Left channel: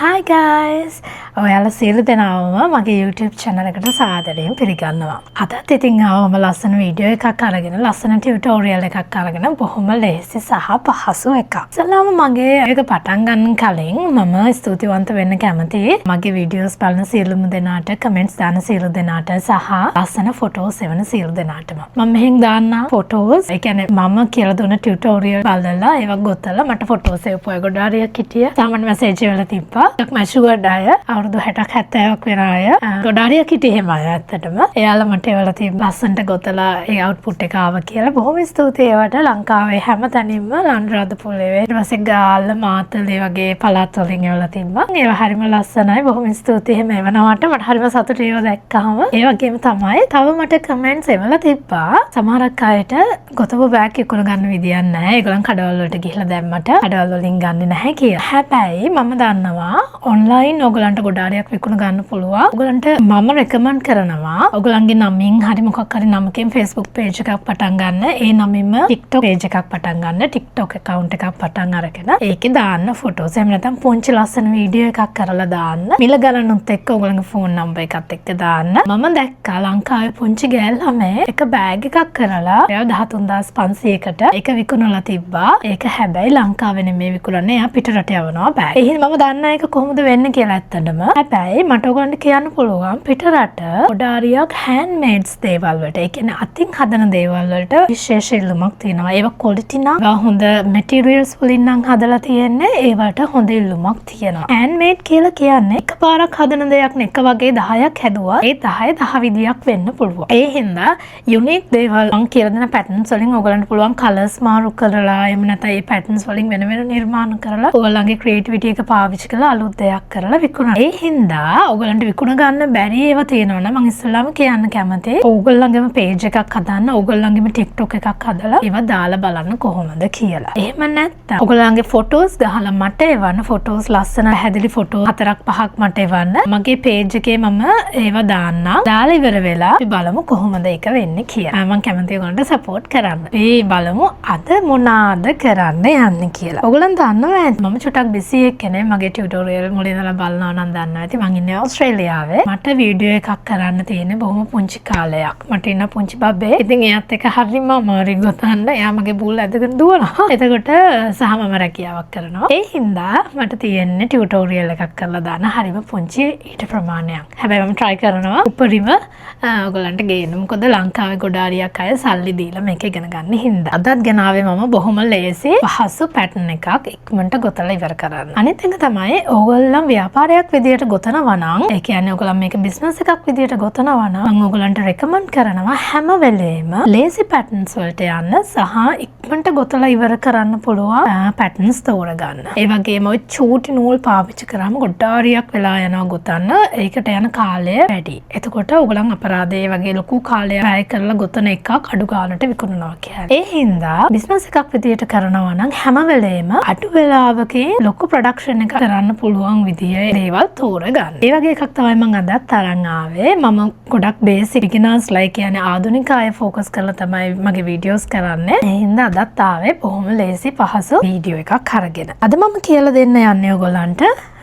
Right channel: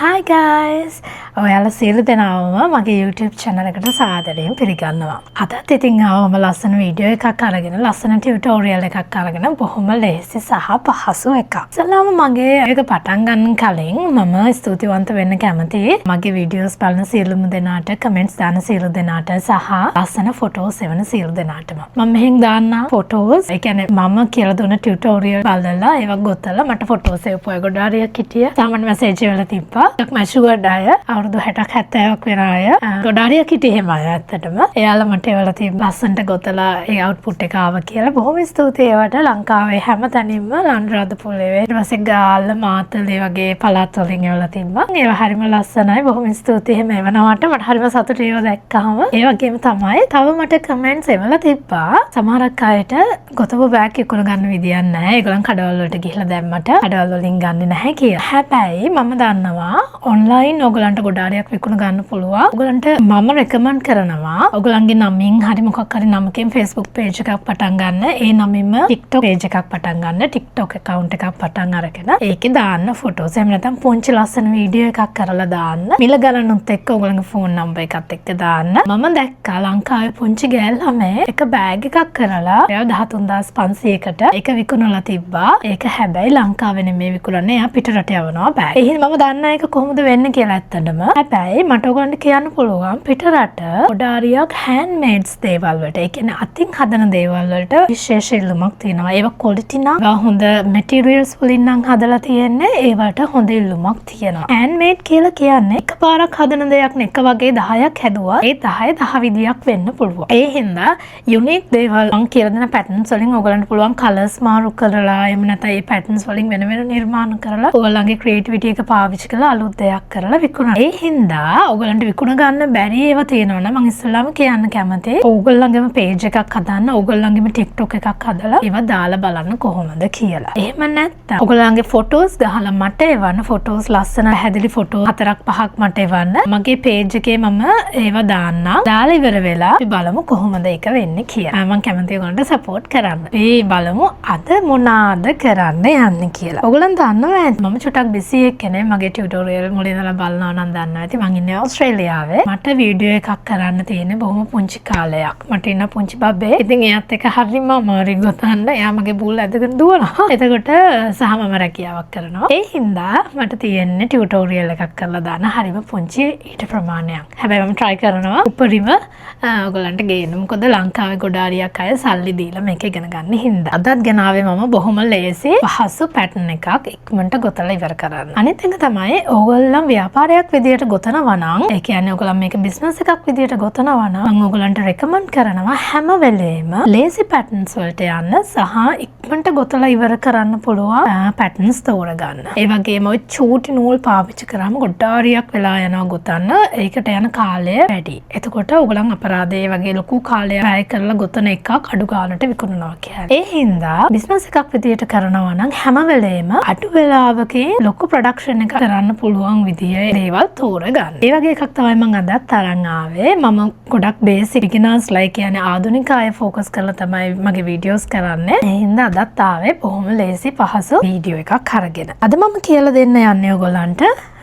Hi guys! ඔයාලා සියලු දෙනාම මගේ YouTube channel එකට සාදරයෙන් පිළිගන්නවා. අදත් ඉතින් ආවම ලස්සන වීඩියෝ එකක් අරගෙන ලස්සන ටියුටෝරියල් එකක් අරගෙන බොහොම ලේසි සහ පහසු එකක්. ඉතින්ම මගේ ඒක පටන් ගන්න කලින් මම ස්තුතිවන්ත වෙන්න කැමතියි. මගේ වීඩියෝස් බලන සියලුම දෙනාට, කමෙන්ට්ස් දාන සියලු දෙනාට සහ ලස්සන ෆොටෝස් එවන සියලු දෙනාටම. මම මෙහෙන් දාන්න ෆොටෝස්, ඒ කියන්නේ මම කියලා දුන්න ටියුටෝරියල් බලලා ඒවා ගොතලා මට ෆොටෝස් එවපුවා. ඒ ගොඩාරියක් හිටියා. සාමාන්‍ය මැසේජ් වල තිබ්බා. මැෂුවර්ඩ් අය අවුරුදු 60ක් 70ක් වෙන අය ගොඩාරියක් හිටියේ එහෙම අය ඇත්තටම. එයාලා මට ඒවල තිබ්බ ලස්සනට ගොතලා ඒ අවුට්පුට් එක ආවා කියලා බොහොම ස්තුතියි. ඒවට ලංකාවේ හැම තැනින්ම ලන්රාදපුලේ ඊට පස්සේ ගාල්ල මාතලේ වගේ පළාත් වලින් ඒවල තිබ්බා. ඒවා හරිම ලස්සනයි. බොහොම ස්තුතියි එහෙම එවනවට. මට හරිම සතුටුයි ඒවා දැක්කහම. ඒ වගේම තමයි තව මට කමෙන්ට්ස් එවල තිබ්බා. සමහරක් අයට ගොතපු බෑග් ඉක්ුණ ගන්න විදියක් නැහැ. ඒගොල්ලන් කඩවල වලට ගිහිල්ලා දැම්මට කඩවල වලින් ගන්නේ නැහැ කියලා. හැබැයි මම දන්නවා ඔන්ලයින් ඔයගලන්ට ගොඩාරියක් විකුණ ගන්න පුළුවන්. ඔයගලන්ට මම රෙකමන්ඩ් කරනවා ඔයගලන්ගේ නමින් හරි මොකක් හරි නමකින් Facebook page එකක් පටන් ගන්න. ඒ නමින්ම TikTok page එකක් පටන් ගන්න. TikTok account එකක් පටන් අරගෙන ඒකේ දාන්න ෆොටෝස්. එහෙම නැත්නම් පුංචි ලස්සන වීඩියෝ එකක් කරලා දාන්න. මිල ගණනුත් එක්ක ඔයගලන්ගේ ෆෝන් නම්බර් එකත් එක්ක දාන්න. මම දැක්කා ලංකාවේ පුංචි ගෑල් ළමයි එක බෑග් එකක් කරලා එයා 13500කට ඒක විකුණලා තිබ්බා. ඒක හැබැයි ලංකාවේ නෙමෙයි විකුණන්නේ. එයා පිටරට යවනවා බෑග්. ඒ හින්දා මම දන්නේ ඒක කොහොමද වෙන්නේ කියලා ඇත්තටම. හැබැයි මට ඔයගොල්ලන්ට කියන්න පුළුවන් පිටරට ගොඩාරියක් handmades දේවල් වලට, ඒ කියන්නේ අතින් හදන දේවල් වලට විශේෂ ඉල්ලුමක් තියෙනවා. ඒවා quality නම් හොඳ materials වලින් නම් හදලා තියෙන්නේ. ඒවට හොඳ ඉල්ලුමක් තියෙනවා. handmade කියලා කියන්නේ එකපාරක් හදන දෙයක් නෙක වගේ 10ක් හැදුවා. ඒ 10 10 විදියක් වෙන්න පුළුවන්. ඒ හින්දා unique දේවල් මම කියලා දෙන patterns වලින් ඔයගොල්ලන්ට පුළුවන් colors මාරු කරලා එහෙම නැත්නම් ඒ patterns වලින් වෙන වෙන නිර්මාණ කරලා ඔයගොල්ලන්ගේ creativity එක පාවිච්චි කරලා අලුත් දෙයක් කරලා විකුණන. ඒ හින්දා ඔයගලන්ට විකුණ ගන්න බැරි ඒවා තියෙනවා නම් මම ඉස්සෙල්ලාම කියන්න කැමතියි. ඔයගොල්ලන්ගේම page එකක් හදන්න, ඔයගොල්ලන්ගේම TikTok එකක් හදලා ඒවා දාලා බලන්න කොහොමද කියලා. එහෙම නැත්නම් ඔයගොල්ලන්ගේ photos ගහලා මට එවන්න. photos ලස්සන හැදලි photo 4-5ක් මට එවන්න. මගේ page එකේ මම ඒවා දාන්නම්. දාලා ඉවර වෙලා අපි බලමු කොහොමද ඒක වෙන්නේ කියලා. මම කැමතියි ඔයගොල්ලන්ට support කරන්න. අපි බලමු අද මොනවාද කරන්න යන්නේ කියලා. ඔයගොල්ලන් දන්නවා ඇති මම චුට්ටක් busy එක්කනේ. මගේ tutorial මුලින් ඉඳලා බලනවා නම් දන්නවා ඇති. මං ඉන්නේ ඕස්ට්‍රේලියාවේ. මට වීඩියෝ එකක් කරන්න තියෙන්නේ බොහොම පුංචි කාලයක්. මට ඉන්න පුංචි බබේ. ඉතින් එයාත් එක්ක හරිම අමාරුයි ගොතන්න. එයා මගේ බූල් ඇදගෙන දුවනවා. එතකොට සහ මම රැකියාවක් කරනවා. ඒ හින්දා මට තියෙන්නේ ටියුටෝරියල් එකක් කරලා දාන්න හරිම පුංචි ඊට ප්‍රමාණයක්. හැබැයි මම try කරනවා උපරිම ඔයගලන්ට ගේන්න. මොකද ලංකාවේ ගොඩාරියක් අය සල්ලි දීලා මේක ඉගෙන ගන්න හින්දා. අදත් ගෙනාවේ මම බොහොම ලේසි පහසු පැටර්න් එකක් ඉක්මනට ගොතලා ඉවර කරන්න. අනිත් එක තමයි ඕගොල්ලන් ව්‍යාපාරයක් විදියට ගොතනවා නම්, ඒ කියන්නේ ඔයගොල්ලන් මේක බිස්නස් එකක් විදියට ගොතනවා නම් මම ඔයගොල්ලන්ට රෙකමන්ඩ් කරනවා හැම වෙලේම ලේසි පැටර්න්ස් වලට යන්න සහ ඉක්මනට ගොතලා ඉවර කරන්න පුළුවන් පැටර්න්ස් තෝරගන්න. ඒ වගේම ඔය චූටි නූල් පාවිච්චි කරාම ගොඩාරියක් වෙලා යනවා ගොතන්න. ඒකට යන කාලය වැඩි. එතකොට ඔයගොල්ලන් අපරාධේ වගේ ලොකු කාලයක් වැය කරලා ගොතන එකක් අඩු ගානට විකුණනවා කියන්නේ. ඒ හින්දා බිස්නස් එකක් විදියට කරනවා නම් හැම වෙලේම අඩු වෙලාවකින් ලොකු ප්‍රොඩක්ෂන් එකක් කරන්න පුළුවන් විදියේ දේවල් තෝරගන්න. ඒ වගේ එකක් තමයි මම අදත් අරන් ආවේ. මම ගොඩක් බේසික් බිග්නර්ස් ලයික් කියන්නේ ආධුනික අය ෆෝකස් කරලා තමයි මගේ වීඩියෝස් කරන්නේ. ඒ හින්දා අදත් ආවේ බොහොම ලේසි පහසු වීඩියෝ එකක් අරගෙන. අද මම කියලා දෙන්න යන්නේ ඔයගොල්ලන්ට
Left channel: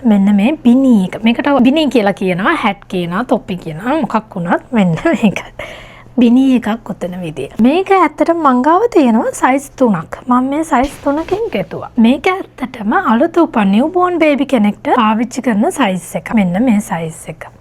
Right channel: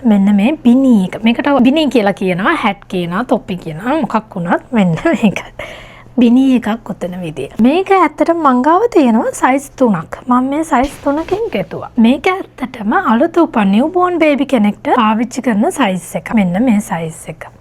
මෙන්න මේ බිනී එක. මේකට බිනී කියලා කියනවා, හැට් කියනවා, තොප්පි කියනවා, මොකක් වුණත් මෙන්න මේක. බිනී එකක් ගොතන විදිය. මේක ඇත්තටම මං ගාව තියෙනවා සයිස් 3ක්. මම මේ සයිස් 3කින් ගෙතුවා. මේක ඇත්තටම අලුත උපන් නිව්බෝර්න් බේබි කෙනෙක්ට පාවිච්චි කරන සයිස් එක. මෙන්න මේ සයිස් එක.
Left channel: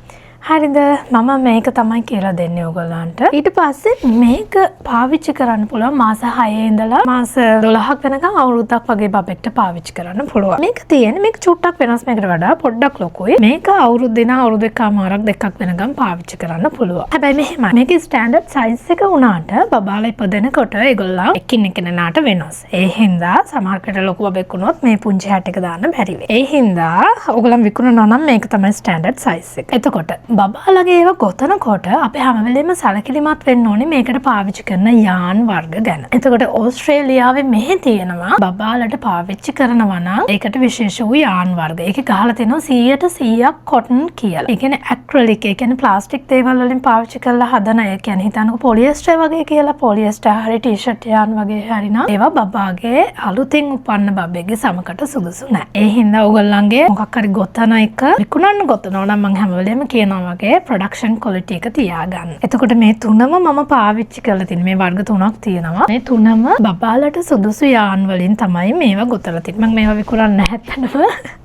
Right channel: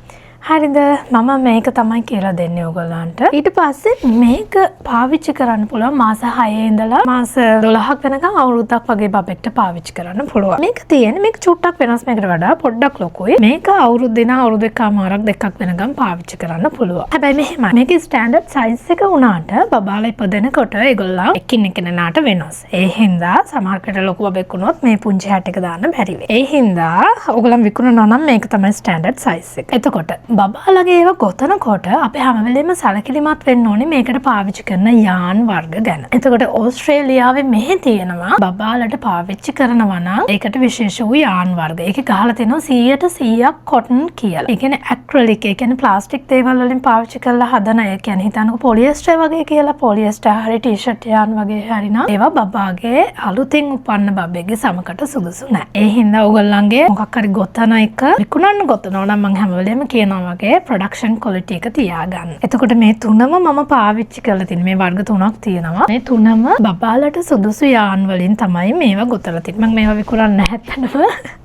හරිද? මම මේක තමයි කියලා දෙන්නේ ඔයගොල්ලන්ට. ඊට පස්සේ මේක පාවිච්චි කරන්න පුළුවන් මාස 6 ඉඳලා මාස 12ක් වෙනකම් අවුරුද්දක් වගේ බබෙක්ට පාවිච්චි කරන්න පුළුවන්. මේක තියෙන්නේ මේක චුට්ටක් වෙනස්, මේකට වඩා පොඩ්ඩක් ලොකුයි. මේක අවුරුද්ද එකමාරක් දෙකක් වෙනකම් පාවිච්චි කරන්න පුළුවන්. හැබැයි මෙහෙමයි. මේකේ ස්ටෑන්ඩඩ් සයිස් එක උනාට බබාලා ඉපදෙනකොට ඒගොල්ලන් එකින් එකිනෙනාට වෙනස්. ඒ හින්දා සමහරකට ලොකු බබෙක් වුණොත් මේ පුංචි හැට් එක දාන්න බැරි වෙයි. ඒ හින්දා ඔයගොල්ලන් විකුණනවා නම් මේක තමයි ස්ටෑන්ඩඩ් සයිස් එක. එතකොට බබාලගේ ඒවා ගොතනකොට අපි හැම වෙලේම සැලකිලිමත් වෙන්න ඕනේ මේකට පාවිච්චි කරන යාන් වර්ග ගැන. එතකොට ඕස්ට්‍රේලියාවේ මෙහි තියෙනවා බබාලට පාවිච්චි කරනවා නම් ඒකට විශේෂ වූ යාන් වර්ග. ඒකේ ගහලා තියෙනවා 100% කොටන් කියලා. ඒ කියන්නේ ඇක්‍රිලික්, ඒ කියන්නේ ප්ලාස්ටික් දේවල් වලින් පාවිච්චි කරලා හදන. ඒ කියන්නේ හිතන්නකො පොලියස්ටර් වගේ කියලා. පොලියස්ටර් හරි ටී-ෂර්ට් යාන් වගේ හරි නම් ඒවා බබාගේ අලුතින් උපන්න බබෙක්ගේ සමකට සුදුසු නැහැ. ඒ හින්දා ඔයගොල්ලන්ගේ මොකක් හරි ගොතන එක විකුණන්න ගොතනවා නම් මම හැම වෙලේම කියනවා වගේ ප්‍රොඩක්ෂන් ක්වොලිටි එක තියාගන්න. එතකොට මේ තුනම මම පාවිච්චි කරලා තියෙන මේ වර්ග තුනක් තියෙනවා. මේ තුනම බබාලට සුදුසු යාන් වලින් තමයි මේවා ගොතලා තියෙන්නේ. මම මේවා විකුණන්නේ නැහැ ඇත්තටම.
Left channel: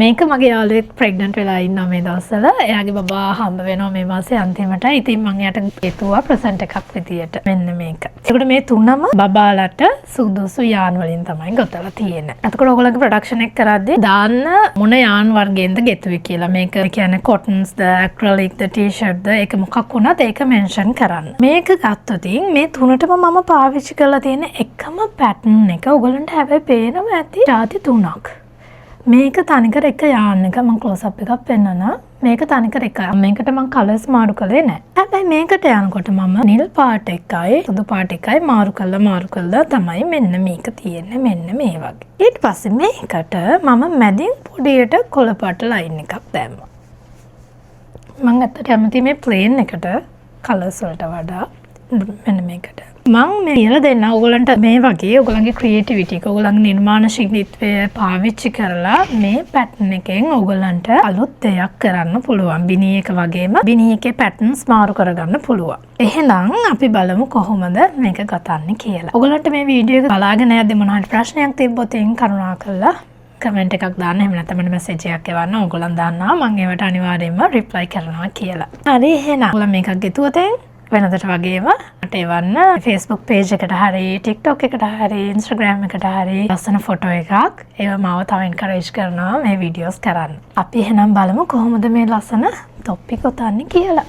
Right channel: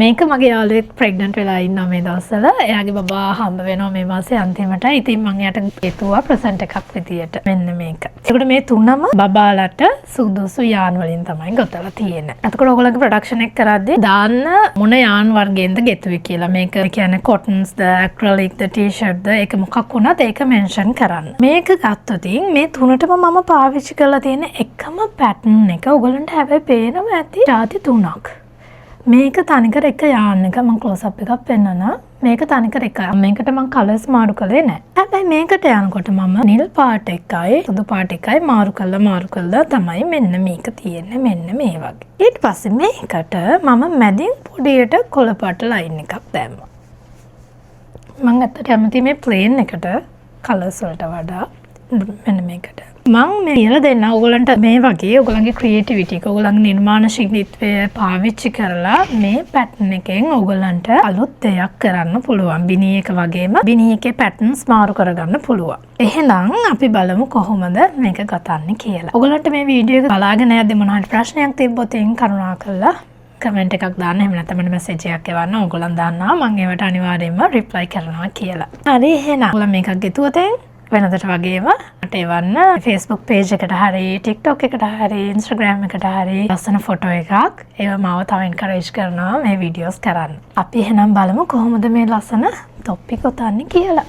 මේක මගේ යාළුවෙක් ප්‍රෙග්නන්ට් වෙලා ඉන්නවා මේ දවස්වල. එයාගේ බබා හම්බ වෙනවා මේ මාසේ අන්තිමට. ඉතින් මම එයාට ගෙතුවා ප්‍රසන්ට් එකක් විදියට. මෙන්න මේක. එතකොට මේ තුනම බබාලට සුදුසු යාන් වලින් තමයි ගොතලා තියෙන්නේ. එතකොට ඔයගොල්ලෝගේ ප්‍රොඩක්ෂන් එක කරද්දී දාන්න මොන යාන් වර්ගයෙන්ද ගෙතුවේ කියලා. මේක කියන්නේ කොටන්ස්ද, ඇක්‍රිලික්ද, ටී-ෂර්ට්ද, ඒක මොකක් වුණත් ඒක මෙන්ෂන් කරන්න. මේක ගත්තොත් මේ තුනටම මම පාවිච්චි කරලා තියෙන එකම පැටර්න් එක ඔයගොල්ලන්ට හැබැයි පේනවා ඇති ಜಾති තුනක්. මේක තනිකර එක යාන් එක. මම ක්ලෝස් අප් එකක් පෙන්නනවා. මේක තනිකර එක. මේකට මම කලර්ස් මාරු කළේ නැහැ. හැබැයි මේකට යනකොට මම නිල් පාට එකයි සුදු පාට එකයි මාරු කළා තමයි මෙන්න මේක තියෙන්නේ මෙන්න මේ වගේ. ඊට පස්සේ මේකට මම මැදින් පොඩියට කොළ පාට ලයින් එකක් දැම්මා. මම අතට කැමති මේ ප්ලේන් එකට කලර්ස් වලට වඩා මෙන්න මේකට. මම මේ කියලා දෙන්න ඔයගොල්ලන්ට මේ වගේ ඔයගොල්ලන්ගේ ක්‍රියේටිවිටි එක ඔයගොල්ලන්ගේ නිර්මාණශීලීත්වය පාවිච්චි කරලා මේ පැටර්න් එකෙන් ඔයගොල්ලන්ට අලුත් දෙයක් කරන්න පුළුවන්. බිනි එක වගේම බිනි එකේ පැටර්න්ස් මාරු කරගන්න පුළුවන්. එහෙනම් අපි බලමු කොහොමද මේක ගතන්නේ කියලා. ඔයගොල්ලන්ට මේ වීඩියෝ එක බලාගෙන යද්දි මොනවා හරි ප්‍රශ්නයක් තිබ්බොත් කරුණාකරලා කමෙන්ට් එකක් දාන්න. එහෙම නැත්නම් මැසේජ් එකක් එවන්න. ඔයගොල්ලන් දාන්නවා මම ඒවට අනිවාර්යයෙන්ම රිප්ලයි කරනවා කියලා. හරි එහෙනම් ඔයගොල්ලන් මේකක් ගෙතුවොත් වෙනදට වගේම මට එවන්න Facebook page එකට හරි TikTok එකට හරි Instagram එකට හරි ලස්සන ෆොටෝ එකක්. ඒව මාව තව encourage කරනවා මේ වීඩියෝස් කරන්න. අපි එහෙනම් බලමු කොහොමද මේ ලස්සන තොප්පි ගොතන්නේ කියලා.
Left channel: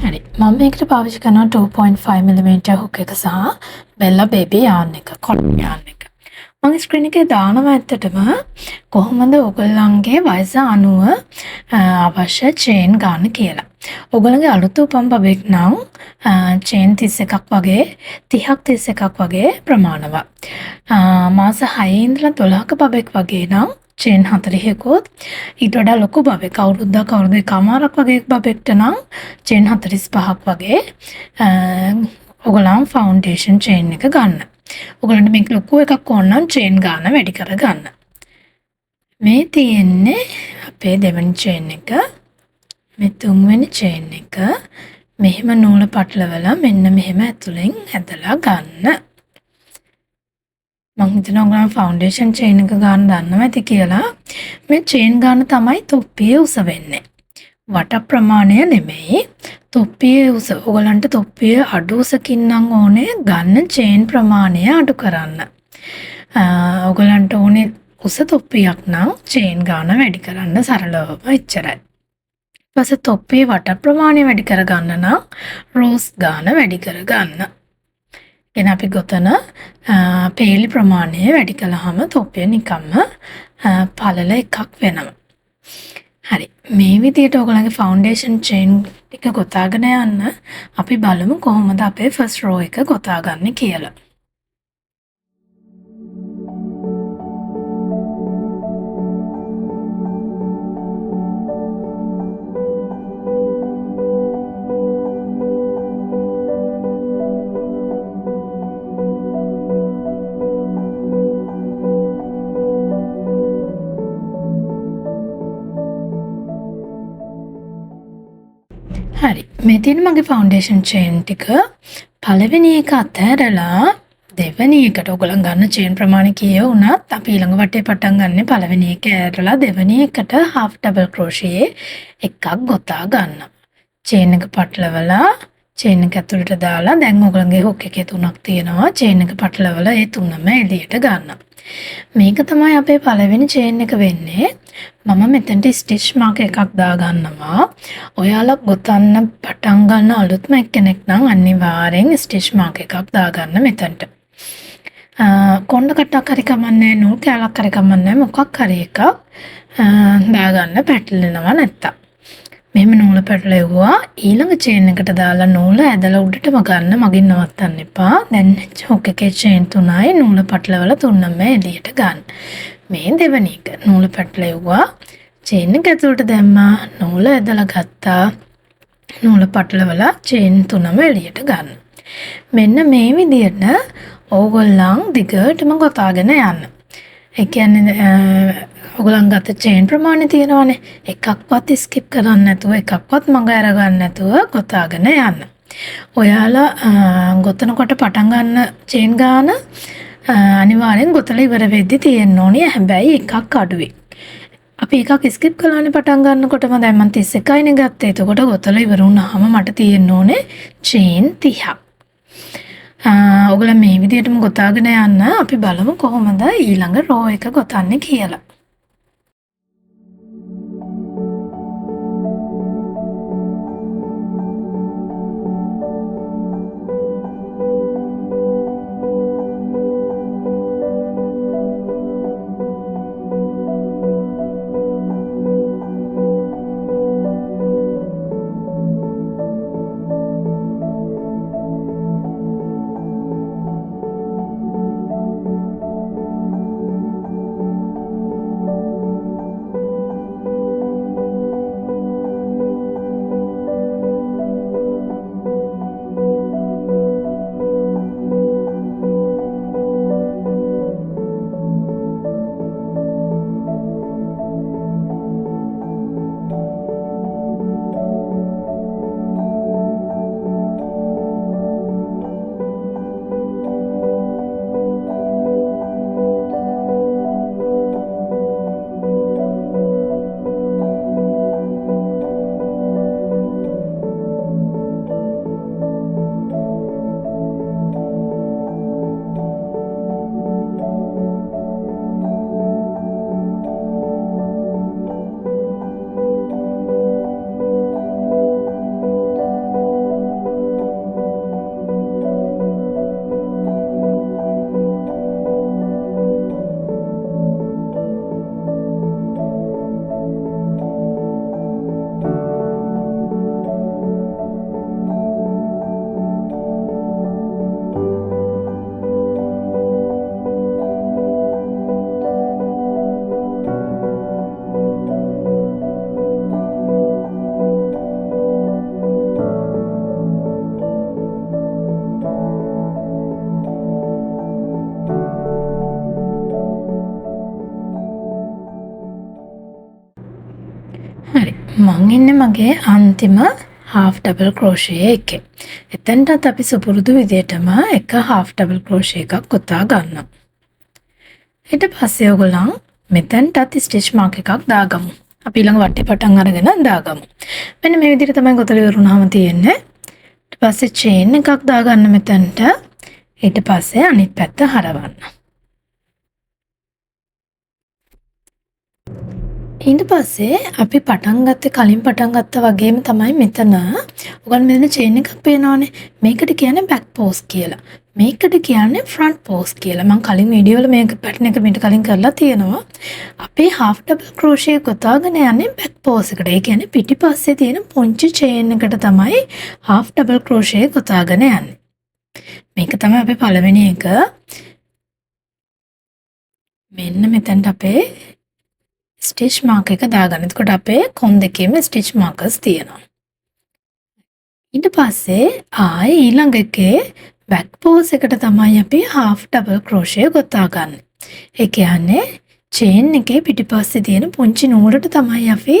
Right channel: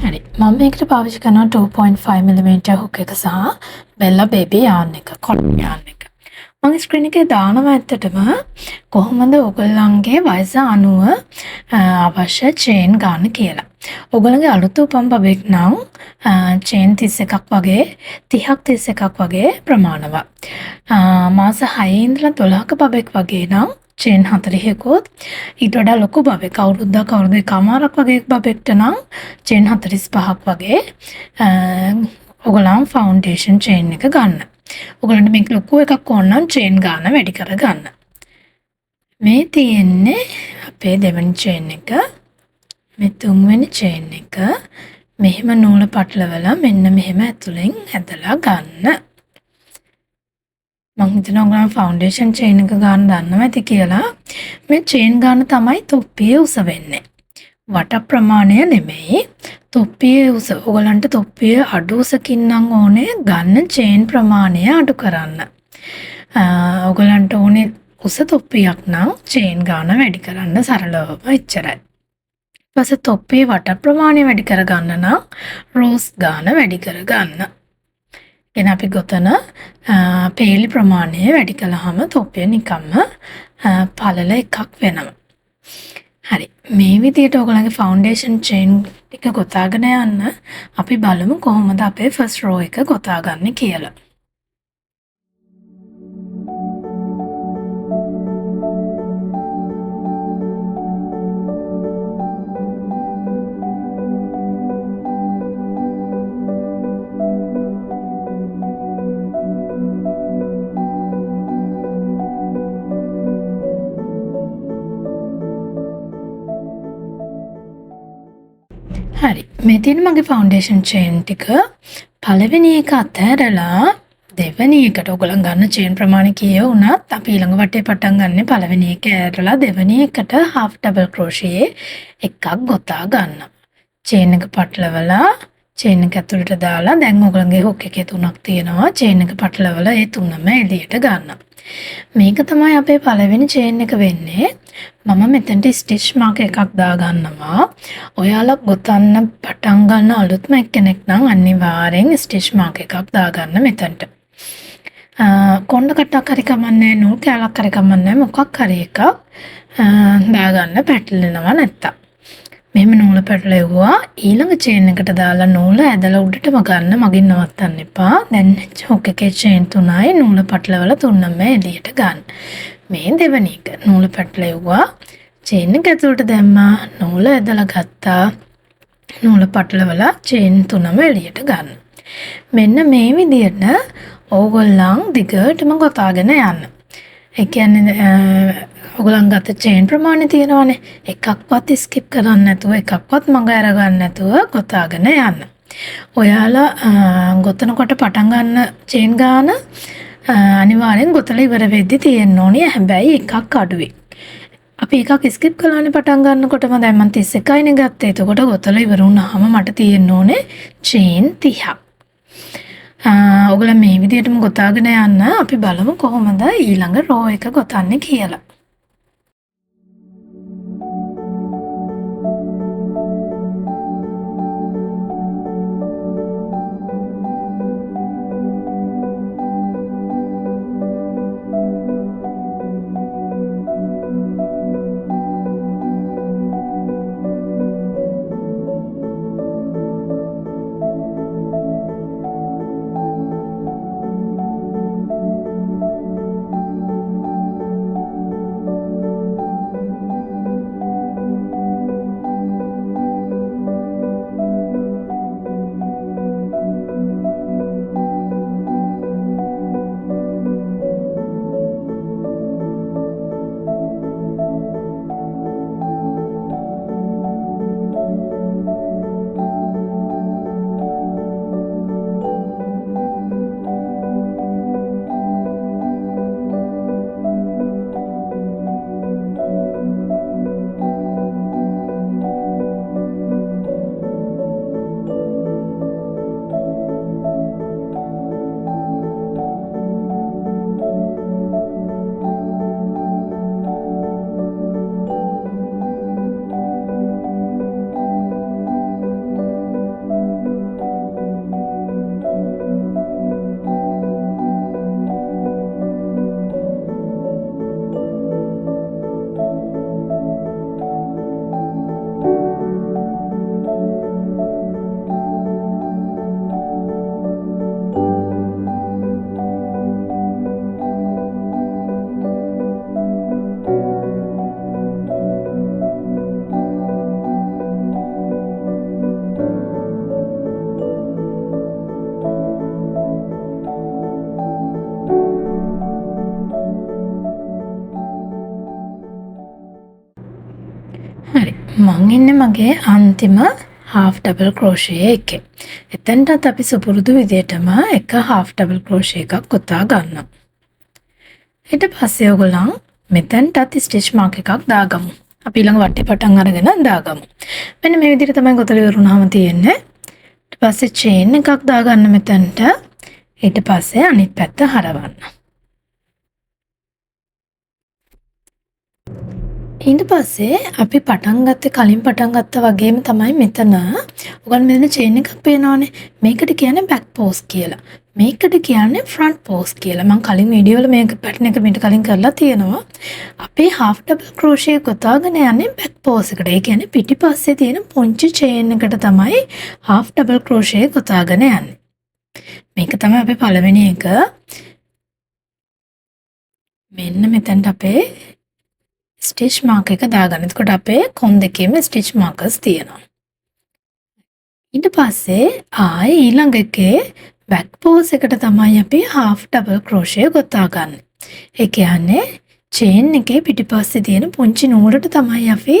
හරි මම මේකට පාවිච්චි කරනවා 2.5mm හුක් එක සහ බෙල්ලා බේබි යාන් එක කොටන් යාන් එක. මම ස්ක්‍රීන් එකේ දානවා ඇත්තටම කොහොමද ඔයගොල්ලන්ගේ වයස අනුව අවශ්‍ය චේන් ගන්න කියලා. ඔයගොල්ලන්ගේ අලුත් උපන් බබෙක් නම් චේන් 31ක් වගේ 30ක් 31ක් වගේ ප්‍රමාණවත්. මාස 6 ඉඳලා 12ක බබෙක් වගේ නම් චේන් 40කුත් ඊට වඩා ලොකු බබෙක් අවුරුද්දක් අවුරුදු එකමාරක් වගේ බබෙක්ට නම් චේන් 45ක් වගේ ඔයගොල්ලන් ෆවුන්ඩේෂන් චේන් එක ගන්න. ඔයගොල්ලන්ට මේක ලොකු එකක් ඕන නම් චේන් ගන්න වැඩි කරගන්න. මේ තියෙන්නේ අපේ දෙවෙනි චේන් එක. මේ තුන්වෙනි චේන් එක. මෙහෙම නූල පටලවලා මෙන්න මෙහෙම ඇතුලෙන් ඇදලා ගන්න. මං හිතනවා ඔයගොල්ලෝ ෆවුන්ඩේෂන් චේන් එක ගන්න දන්නවා ඇති කියලා. මේ චේන් ගන්න තමයි තොප්පියේ උස වෙන්නේ. වට ප්‍රමාණය නෙමෙයි. තොප්පියේ උස. ඔයගලන්ට තොප්පියේ අඩු උසකින් නම් ඕනේ ගන්න චේන් ප්‍රමාණය අඩු කරන්න. ඔයගලන්ට ඕනේ උස තොප්පියක් නම් චේන් ගාන වැඩි කරන්න සරලවම එච්චරයි. ඊපස්සේ තොප්පියේ වට ප්‍රමාණය වැඩි කරගන්න නම් රෝස් ගාන වැඩි කරගන්න. එන අපි ගොතන පේලි ප්‍රමාණය වැඩි කළාම තොප්පිය නිකම්ම පළල එකක් වෙනවා. හරි. මේ විදිහට ඔයගොල්ලන්ගේ ෆවුන්ඩේෂන් චේන් එක ගොතාගෙන යන්න අපි බලමු කොහොමද අපේ ෆස්ට් රෝ එක ගොතාගන්නේ කියලා. හරි. මේ තියෙන මගේ ෆවුන්ඩේෂන් චේන් ටික පළවෙනි එක අතහැරලා දෙවෙනි එකට ඔයගොල්ලන් ගන්න චේන් ප්‍රමාණය කීය වුණත් අපි ඊළඟ වටේ පටන් ගන්න පළවෙනි එක ඇරලා දෙවෙනි එකට half double crochet එකක් ගොතා ගන්නවා. චේන් එක පටලවලා චේන් එක ඇතුළට දාලා දැන් ඔයගොල්ලන්ගේ හුක් එකේ තුනක් තියෙනවා. චේන් එක පටලවලා ඒ තුනම එළියට ගන්නවා. මේක තමයි අපේ පළවෙනි චේන් එක වෙන්නේ. මම මෙතනට ස්ටිච් මාක් එකක් දාගන්නවා. ඔයාලා ගොතන්න පටන් ගන්න අලුත්ම එක්කෙනෙක් නම් අනිවාර්යෙන් ස්ටිච් මාක් එකක් දාගන්න මෙතනට. කොණ්ඩ කටක් හරි කමන්නේ නූල් කැලක් හරි කමන්නේ මොකක් හරි එකක් දාගන්න පැටලෙනවා නැත්තම්. මෙහෙම නූල පැටලෙවුවා ඊළඟ චේන් එකට දාලා නූල ඇදලා උඩටම ගන්න මගින් නවත්තන්න එපා. දැන් හුක් එකේ චේන් තුනයි නූල පටලවලා තුනම එළියට ගන්න. මේ දෙවෙනි එක නූල පැටලෙවුවා චේන් එක ඇතුළට දැම්මා නූල ඇදලා ගත්තා නූල පටලවලා චේන් තුනම එළියට ගන්න. මෙන්න මේ විදිහට ඕගොල්ලන් දිගටම ගොතාගෙන යන්න. ඒ කියන්නේ ඔයගොල්ලන් ගත්ත චේන් ප්‍රමාණය තියෙනවානේ එකක්වත් ස්කිප් කරන්නේ නැතුව එකක්වත් මඟ අරගන්න නැතුව ගොතාගෙන යන්න. ඔයාලා ගොතනකොට පටන් ගන්න චේන් ගාන අනිවාර්යෙන් ගොතලා ඉවර වෙද්දි තියෙන්න ඕනේ. හැබැයි එකක් අඩුයි. අපි එකක් ස්කිප් කළානේ පටන් ගන්නකොටම දැන් මම 31යිනේ ගත්තේ. එතකොට ගොතලා ඉවර වුණාම මට තියෙන්න ඕනේ චේන් 30ක්. ඔයගොල්ලෝ මේ විදිහටම ගොතාගෙන යන්න අපි බලමු කොහොමද ඊළඟ රෝ එක ගොතන්නේ කියලා. හරි මං ඉන්නේ මගේ අන්තිම half double crochet එකේ. එතනටත් අපි සුපුරුදු විදිහටම එක half double crochet එකක් ගොතා ගන්නවා. ඊට පස්සේ ඔයගොල්ලන් මෙතනටත් ස්ටිච් මාක් එකක් දාගමු. අපි ඊළඟ වටේ පටන් අරගෙන දාගමු. මෙන්න මේ විදිහට තමයි ගොතල ඉවරුනහම තියෙන්නේ. ඊට පස්සේ චේන් එකක් දාගන්න මෙතනට. ඊට පස්සේ අනිත් පැත්ත හරවන්න. ඊට පස්සේ අපි පටන් ගත්තේ කලින් පටන් ගත්තා වගේම තමයි මෙතන. ඔයගොල්ලෝ මෙතන චේන් එකක් පේනවනේ. මේකට කියන්නේ බෑක් පෝස් කියලා. මේකට කියන්නේ ෆ්‍රන්ට් පෝස් කියලා. මම කලින් වීඩියෝ වල මේක පැටර්න් එක මීට කලින් කරලා තියෙනවා. අපේ half double crochet ගොතාගෙන යන්නේ බෑක් පෝස් එකට. ඒ කියන්නේ පිටිපස්සේ තියෙන පුංචි චේන් එකට තමයි half double crochet ගොතාගෙන යන්නේ. මේක තමයි අපේ පළවෙනි එක. මෙන්න මෙතනට අපේ ස්ටිච් මාක් එක දාගන්න. එතකොට අපේ කොන් දෙකේම ස්ටිච් මාකර්ස් තියෙනවා. ඊට පස්සේ ආයේ ඊළඟ එකේ බෑක් පෝස් එකට තමයි අපි half double crochet ගොතා ගන්න. ඒ කියන්නේ චේන් එකේ පිටිපස්සේ තියෙන පුංචි නූලට තමයි අපි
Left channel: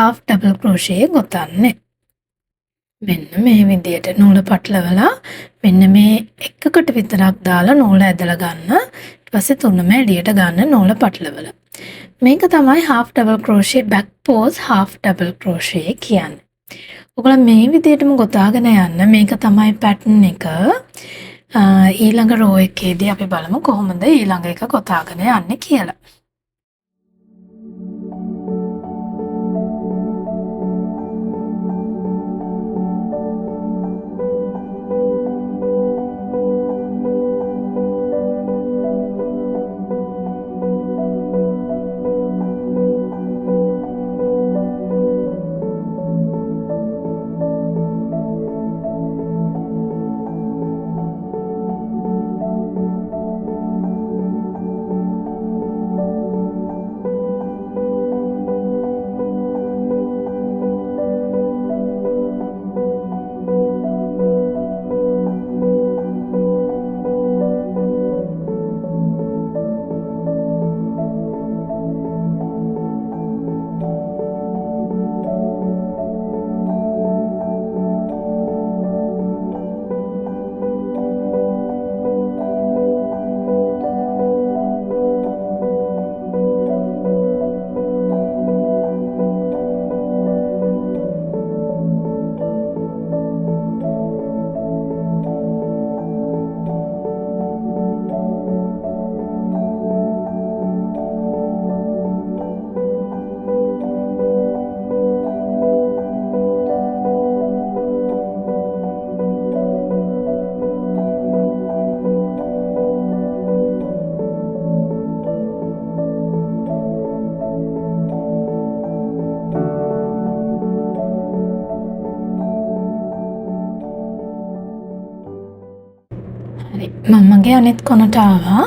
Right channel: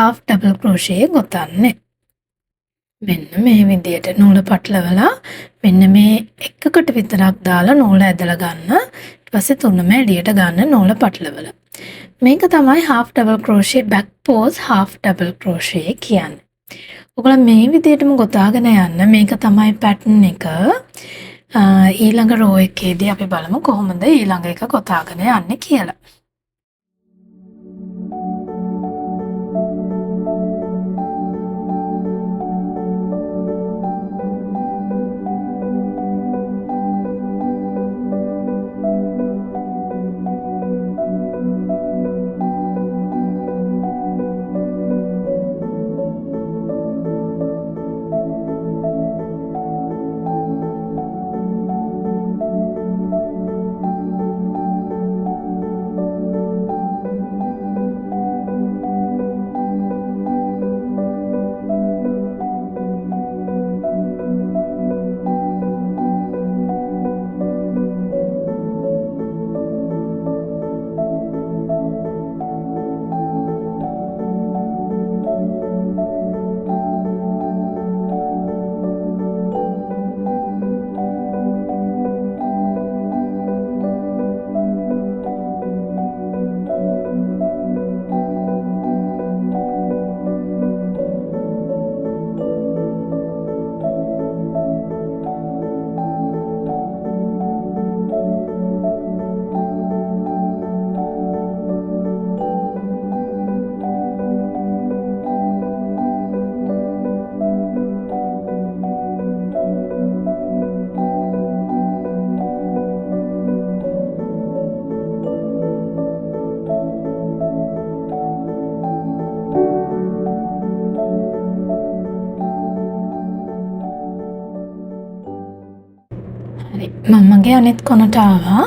half double crochet ගොතන්නේ. මෙන්න මේ විදියට නූල පටලවලා මෙන්න මේ එකකට විතරක් දාලා නූල ඇදලා ගන්න. ඊට පස්සේ තුනම එළියට ගන්න නූල පටලවලා. මේක තමයි half double crochet back pose half double crochet කියන්නේ. ඔයගොල්ලෝ මේ විදිහටම ගොතාගෙන යන්න. මේක තමයි pattern එක. ඊළඟ row එකේදී අපි බලමු කොහොමද ඊළඟ එක ගොතාගෙන යන්නේ කියලා. මමගේ අනිත් කොනට ආවා.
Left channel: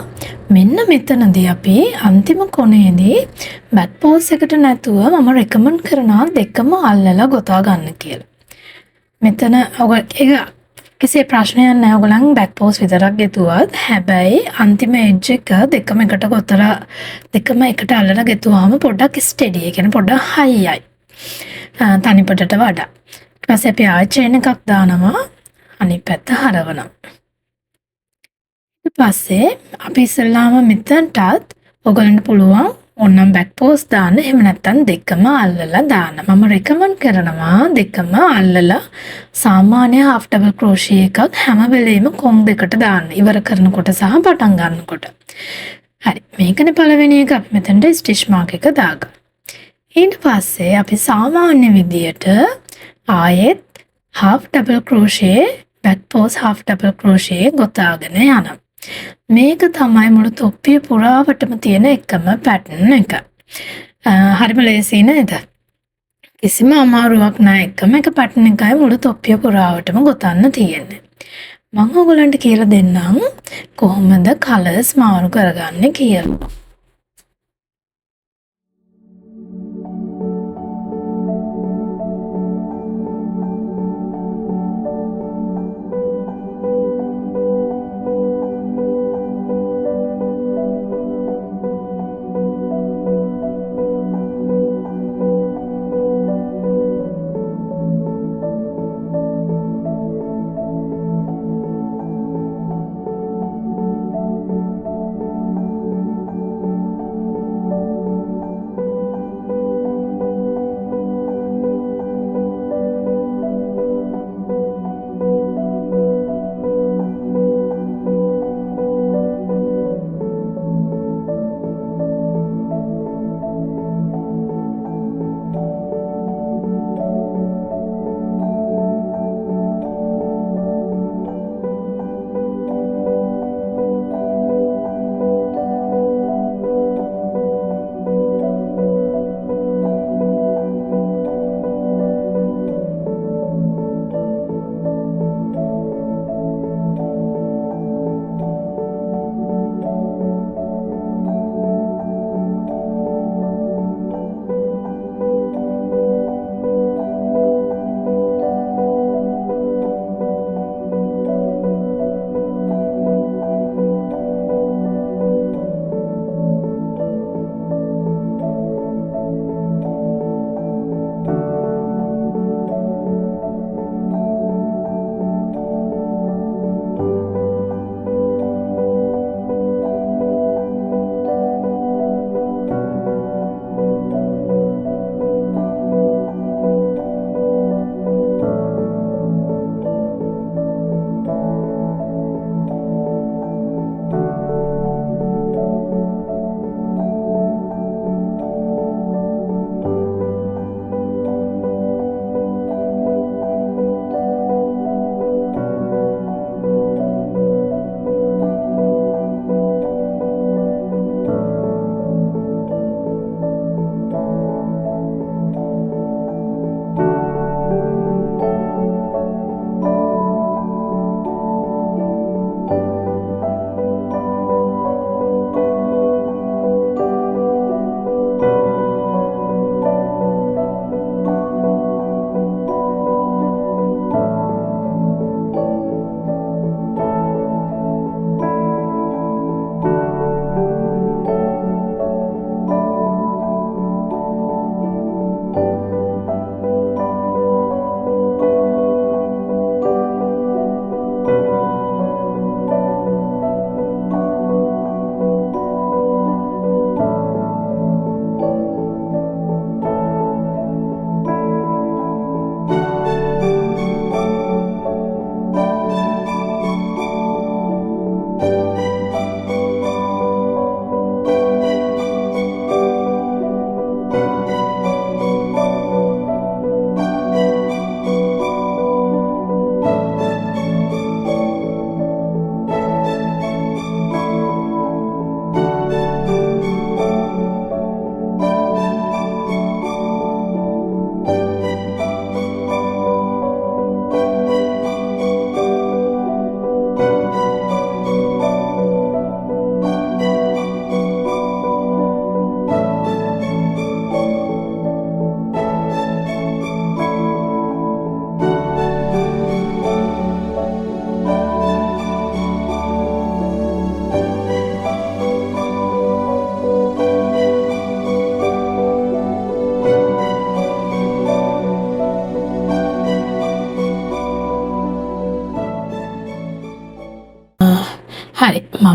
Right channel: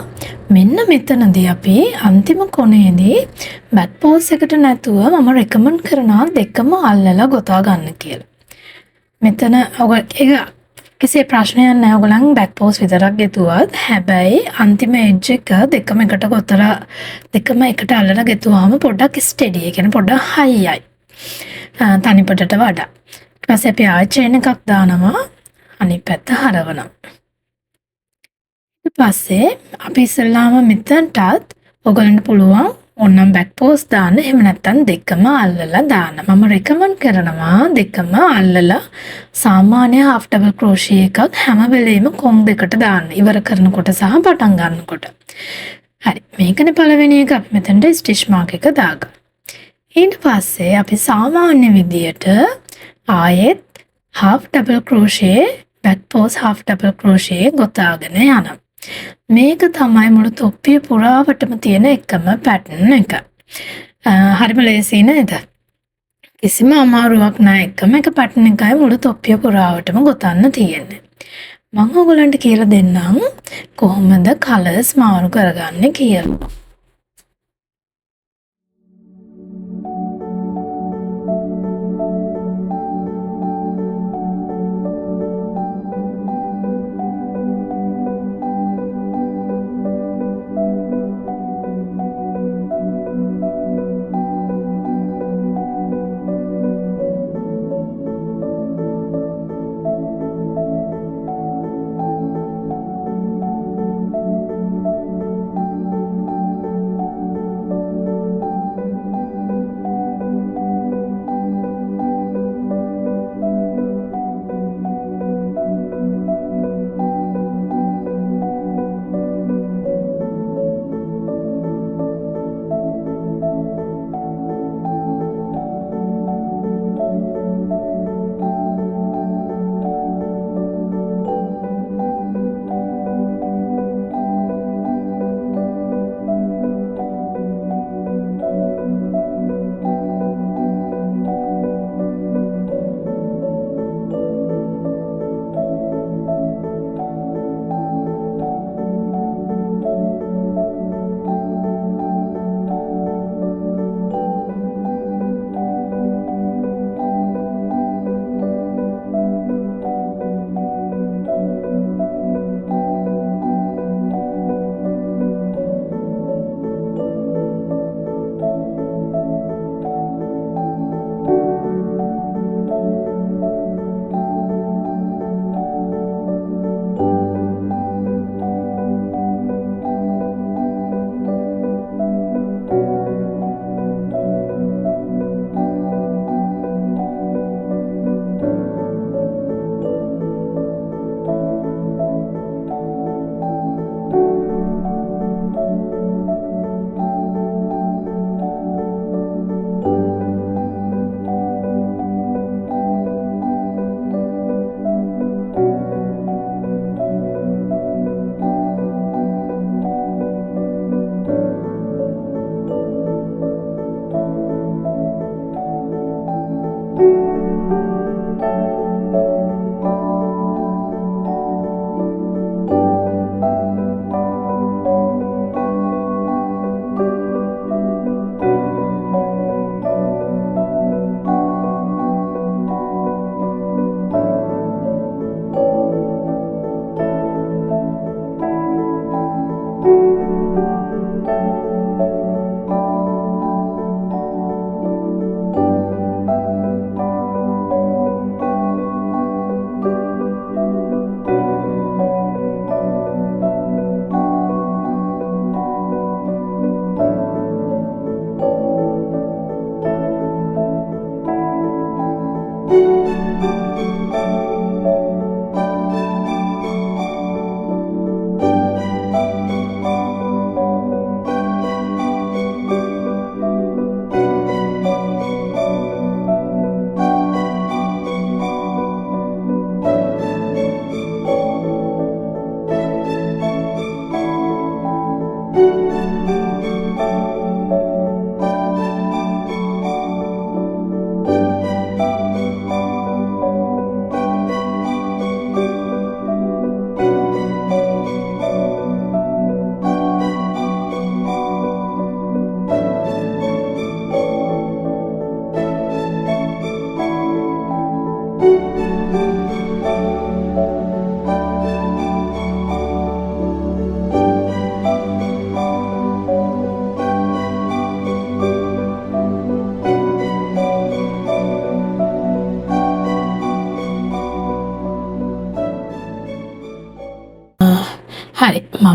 මෙන්න මෙතනදී අපි අන්තිම කොනේදී බෑක් පෝස් එකට නැතුව මම රෙකමන්ඩ් කරනවා දෙකම අල්ලලා ගොතා ගන්න කියලා. මෙතන ඔයගොල්ලෝ කිසි ප්‍රශ්නයක් නැහැ. ඔයගොල්ලන් බෑක් පෝස් විතරක් ගෙතුවත් හැබැයි අන්තිම එජ් එක දෙකම එකට ගොතලා දෙකම එකට අල්ලලා ගෙතුවාම පොඩ්ඩක් ස්ටෙඩි. ඒ කියන්නේ පොඩ්ඩක් හයියයි. තනිපටට වඩා. ඊට පස්සේ අපි ආයෙ චේන් එකක් දානවා. අනිත් පැත්ත හරවනවා. ඊට පස්සේ අපි ඉස්සෙල්ලාම මෙතනටත් ඔයගලන්ට පුළුවන් ඕනම් බෑක් පෝස් දාන්න. එහෙම නැත්නම් දෙකම අල්ලලා දාන්න. මම රෙකමන්ඩ් කරනවා දෙකම අල්ලලා සාමාන්‍ය half double crochet එකක් හැම වෙලෙම කොන් දෙකට දාන්න. ඉවර කරනකොට සහ පටන් ගන්නකොට. හරි. මේකනේ පළවෙනි එක. අපි මෙතනට ස්ටිච් මාක් එක දාගමු. ඊට පස්සේ අපි සාමාන්‍ය විදියට ආයෙත් half double crochet back pose half double crochet ගොතාගෙන යනවා. මේක තමයි මුළු තොප්පිය පුරාවටම තියෙන එකම පැටර්න් එක. හරිම ලේසි නේද? කිසිම අමාරුවක් නැහැ. එකම එක පැටර්න් එකයි මුළු තොප්පිය පුරාවටම ගොතන්න තියෙන්නේ. මම ඔයගලන්ට කියලා දෙන්නම් කොහොමද කලර්ස් මාරු කරගන්නේ කියලා.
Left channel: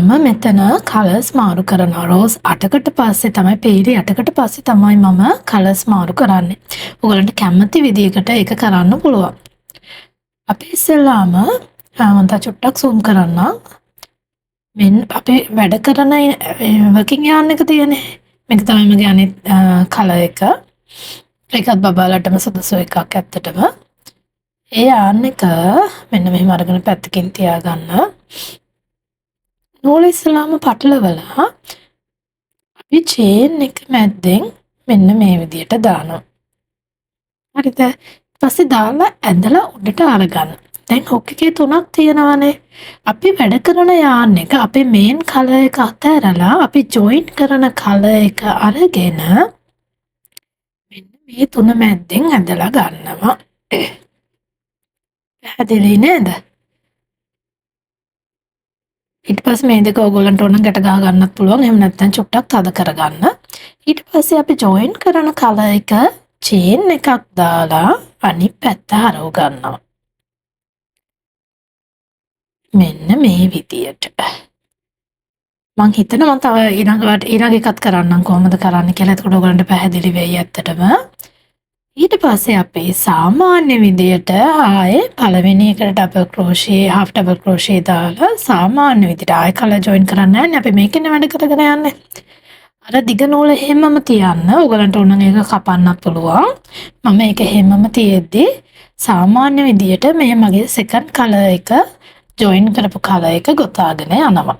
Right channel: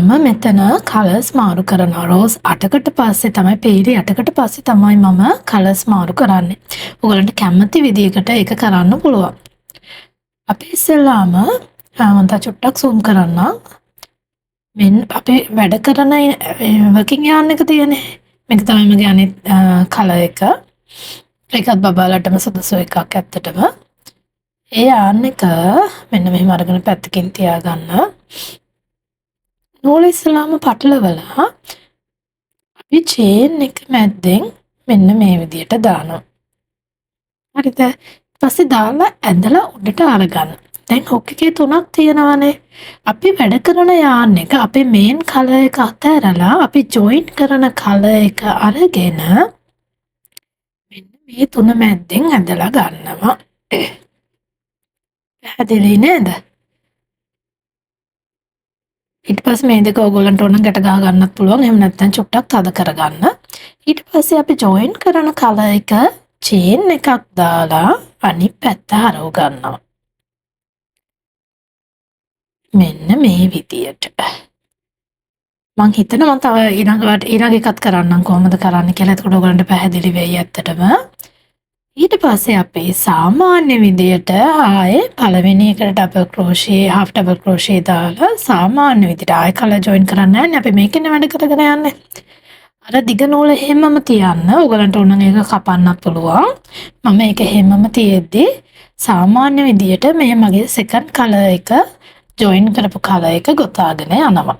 මම මෙතන කලර්ස් මාරු කරනවා. රෝස් 8කට පස්සේ තමයි පේලි 8කට පස්සේ තමයි මම කලර්ස් මාරු කරන්නේ. ඔයගලන්ට කැමති විදිහකට ඒක කරන්න පුළුවන්. අපි ඉස්සෙල්ලාම මම චුට්ටක් zoom කරන්නම්. මෙන්න අපේ වැඩ කරන working yarn එක තියෙන්නේ. මේක තමයි මගේ අනිත් කලර් එක. ඒකත් බබාලටම සුදුසු එකක් ඇත්තටම. ඒ yarn එක මෙන්න මෙහෙම අරගෙන පැත්තකින් තියාගන්න. නූල ඉස්සලාම පටලවලා අපි චේන් එක මැද්දෙන් මෙන්න මේ විදියට දානවා. හරිද? ඊපස්සේ දාලා ඇදලා උඩට අරගන්න. දැන් හොක් එකේ 3ක් තියෙනවානේ. අපි වැඩ කරන yarn එක අපේ මේන් කලර් එක අතහැරලා අපි ජොයින් කරන කලර් එක අරගෙන මෙන්න මේ 3 මැද්දෙන් ඇදලා ගන්නවා. පැහැදිලි නේද? ඊට පස්සේ මේ දෙක ඕගොල්ලන්ට ඕන ගැට ගහ ගන්නත් පුළුවන්. එහෙම නැත්නම් චුට්ටක් තද කරගන්න. ඊට පස්සේ අපි ජොයින් කරන කලර් එක චේන් එකක් දාලා අනිත් පැත්ත හරව ගන්නවා. මෙන්න මේ විදියට. මං හිතනවා මම තව ඊළඟ එකත් කරන්නම් කොහොමද කරන්න කියලා. එතකොට ඔයගලන්ට පැහැදිලි වෙයි ඇත්තටම. ඊට පස්සේ අපි සාමාන්‍ය විදියට ආයේ පළවෙනි එකට ඩබල් ක්‍රෝෂේ half ඩබල් ක්‍රෝෂේ දාලා සාමාන්‍ය විදියට ආයේ කලර් ජොයින් කරන්න යන්නේ. අපි මේකෙන් වැඩ කරගෙන යන්නේ. අර දිග නූල හැමම තියන්න. ඔයගලන්ට ඕන නම් ඒක කපන්නත් පුළුවන්. මම ඒක හැමම තියෙද්දි සාමාන්‍ය විදියට මේ මගේ සෙකන්ඩ් කලර් එක ජොයින් කරපු කලර් එක ගොතාගෙන යනවා.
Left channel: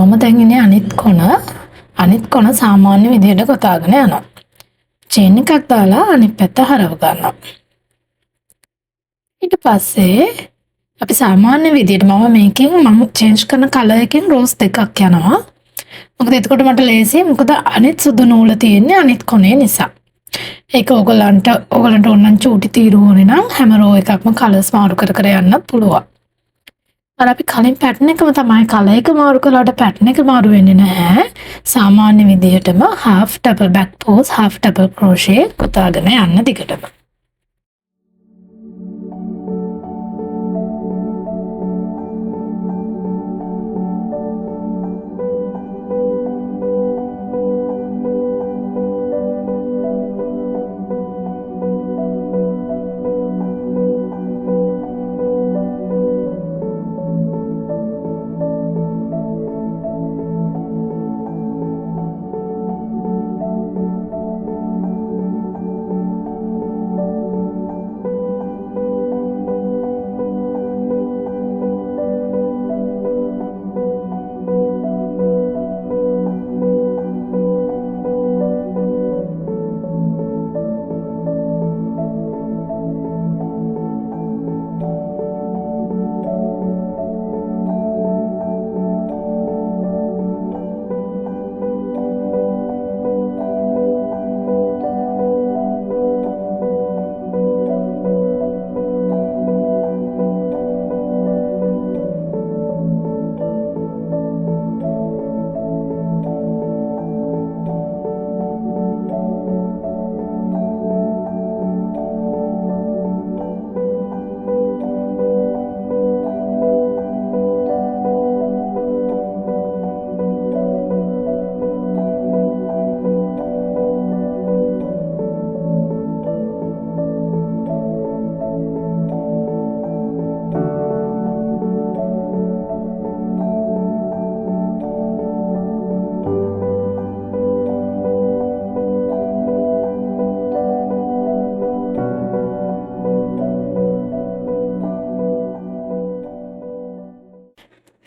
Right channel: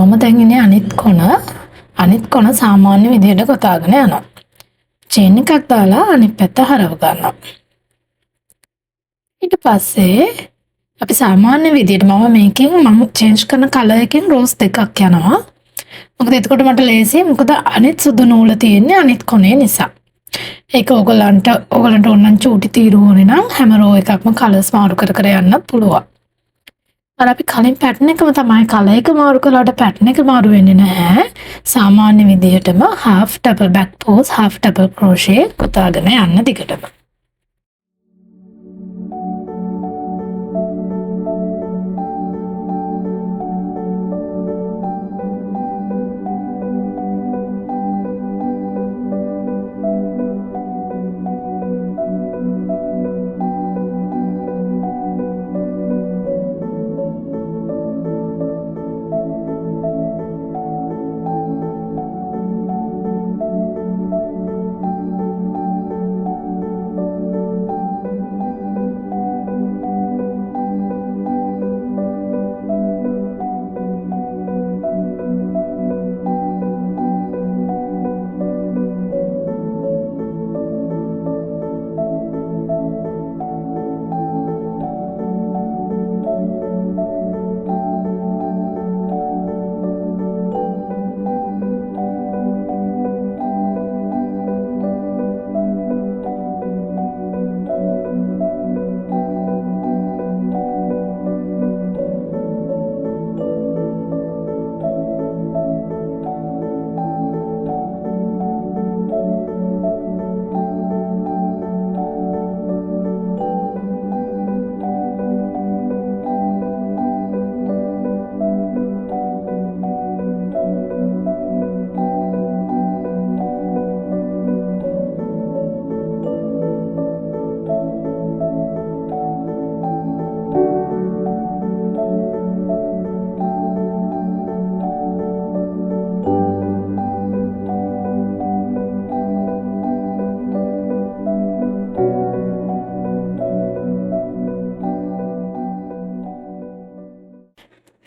මම දැන් ඉන්නේ අනිත් කොන සාමාන්‍ය විදිහට කොටාගෙන යනවා. චේන් එකක් දාලා අනිත් පැත්ත හරව ගන්නවා. ඊට පස්සේ අපි සාමාන්‍ය විදිහට මම චේන්ජ් කරන කලර් එකෙන් රෝස් දෙකක් යනවා. මොකද එතකොට මට ලේසියි. මොකද අනිත් සුදු නූල තියෙන්නේ අනිත් කොනේ නිසා. ඒක ඔයගලන්ට ඕනනම් චූටි තීරුවෝනේ නම් හැම රෝ එකක්ම කලර්ස් මාරු කර කර යන්නත් පුළුවන්. අර අපි කලින් පැටර්න් එකම තමයි කලර් එක මාරු කළාට පැටර්න් එක මාරු වෙන්නේ නැහැ. සාමාන්‍ය විදිහටම half double back pose half double crochet පුතාගෙන යන්න දිගටම.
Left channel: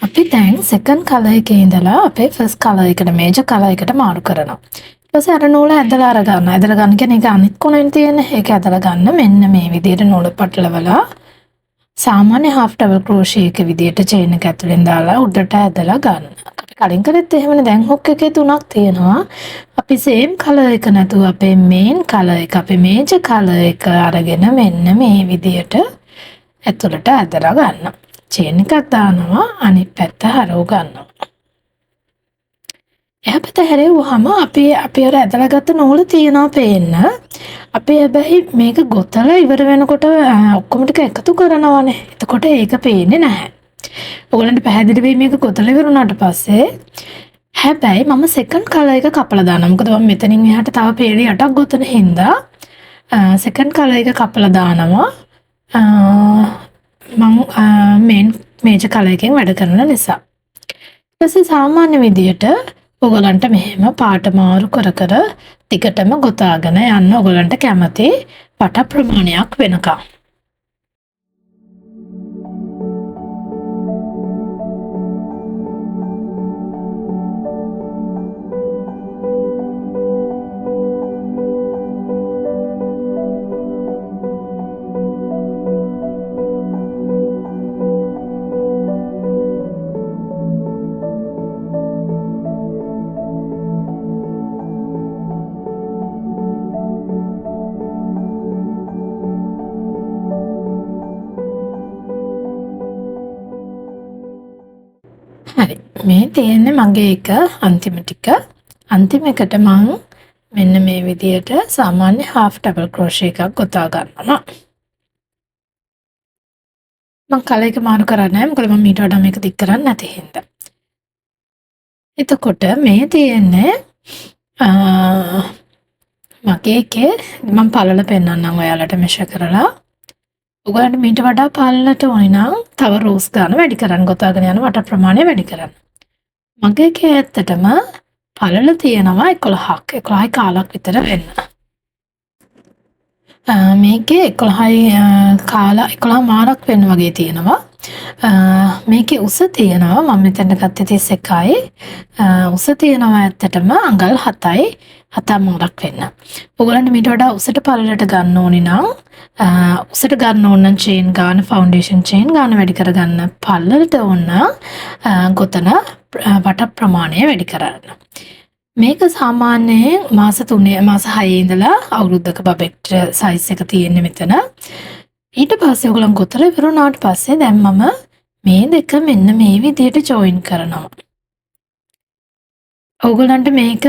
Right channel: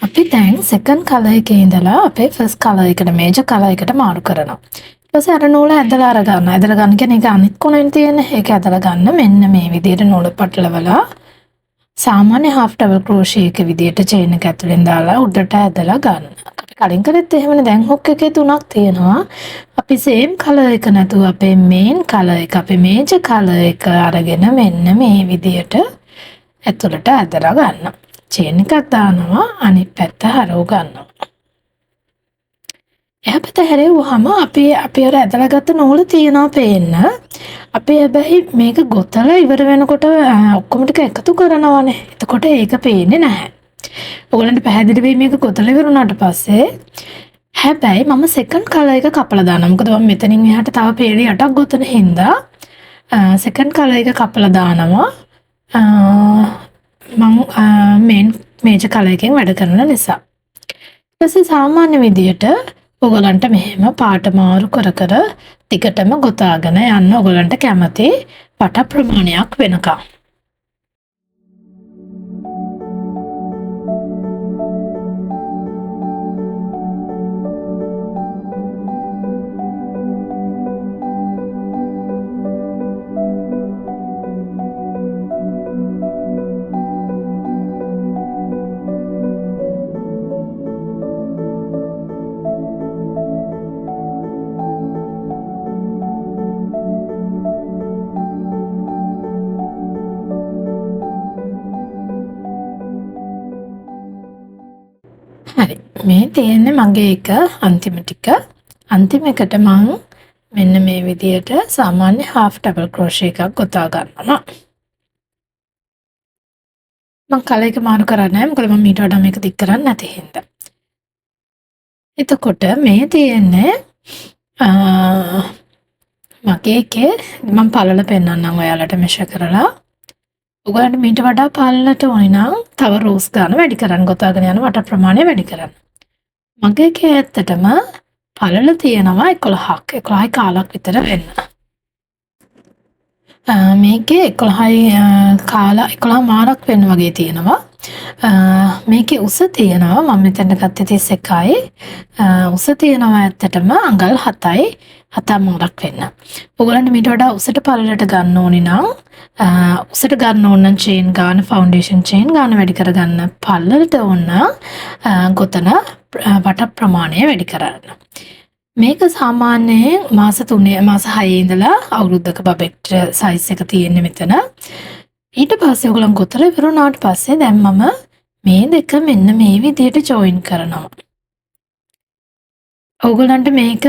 අපි දැන් සෙකන්ඩ් කලර් එකේ ඉඳලා අපේ ෆස්ට් කලර් එකට මේජර් කලර් එකට මාරු කරනවා. ඊට පස්සේ අර නූල ඇදලා අරගන්න. ඇදලා ගන්න කියන්නේ ඒක අනිත් කොනෙන් තියෙන. ඒක ඇදලා ගන්න මෙන්න මේ විදිහට නූල පටලවලා සාමාන්‍ය half double crochet එක විදිහට chain එක ඇතුලෙන් දාලා උඩට ඇදලා ගන්න. අපි කලින් කරෙත් එහෙමනේ. දැන් hook එකේ තුනක් තියෙනවා. අපි same color එක නැතුව අපේ main color එක අපේ major color එක අරගෙන මෙන්න මේ විදිහට ඇතුලට ඇදලා ගන්න. chain එකක් දානවා අනිත් පැත්ත හරව ගන්නවා. එහා පැත්ත හැරෙව්වහම අපි අර ඇදලා ගත්ත නූල තියනවා පේන්න. අපි හැබැයි මේක ගොතලා ඉවර වෙනකොට ඔක්කොම ටික එකතු කරනවානේ. එතකොට ඒක පේන්නේ නැහැ. ඔයගලන්ට පැහැදිලි වෙයි මේක ගොතලා ඉවර වුණාට පස්සේ. හැබැයි මම සෙකන්ඩ් කලර් එක කපලා දානවා. මොකද මම මෙතනින් එහාට තව පේලි 8ක් ගොතන හින්දා සෙකන්ඩ් කලර් එක කපලා දානවා. මම මේජර් කලර් එකෙන් වැඩ කරන නිසා. ඊට පස්සේ සාමාන්‍ය විදියට ඔයගලන්ට මෙහෙම පාට මාරු කර කර ටිකටම ගොතාගෙන යන්න ඔයගලන්ට කැමති පට ප්‍රමාණයක් වෙනකම්. හරි මේ තියෙන්නේ මගේ එක අන්තිම ටික. අන්තිම එකට මම මෙන්න මේ විදියට සාමාන්‍ය half double crochet එකක් ගොතා ගන්නවා. මම කලර් එක මාරු කරන්නේ නැහැ මොකද මම ඊට වඩා මේක දික් කරන්නේ නැති හින්දා. එතකොට මේ තියෙන්නේ මගේ එකේ මම පළල පෙන්නන්නම් ඔයාලට මෙෂර් කරලා. ඔයගලන්ට මීට වඩා පළලට ඕනේ නම් තව රෝස් ගන්න වැඩි කරන්න ගොතාගෙන යන වට ප්‍රමාණය වැඩි කරන්න. මගේ එකේ ඇත්තටම පළල තියෙනවා 11ක් 11යි කාලක් විතර වෙන්න. මේකේ 11යි කාලා 11 මාරක් වෙන්න වගේ තියෙනවා. මේකේ උස තියෙනවා මම මෙතන ගත්තේ 31යි. උස තියෙනවා ඇත්තටම අඟල් 7යි 7 මාරක් වෙන්න. ඔයගලන්ට මීට වඩා උසට පළලට ගන්න ඕනි නම් උසට ගන්න ඕන නම් චේන් ගාන ෆවුන්ඩේෂන් චේන් ගාන වැඩි කරගන්න. පළලට ඕන ගොතන වට ප්‍රමාණය වැඩි කරන්න. මේක සාමාන්‍යයෙන් මාස 3 මාස 6 ඉඳලා අවුරුද්දක බබෙක්ට සයිස් එක තියෙන්නේ මෙතන. ඊට පස්සේ ඔයගොල්ලන් ගොතලා ඉවරුණාට පස්සේ දැන් මම මේ දෙක මෙන්න මේ විදිහට ජොයින් කරනවා. ඔයගොල්ලන්ට මේක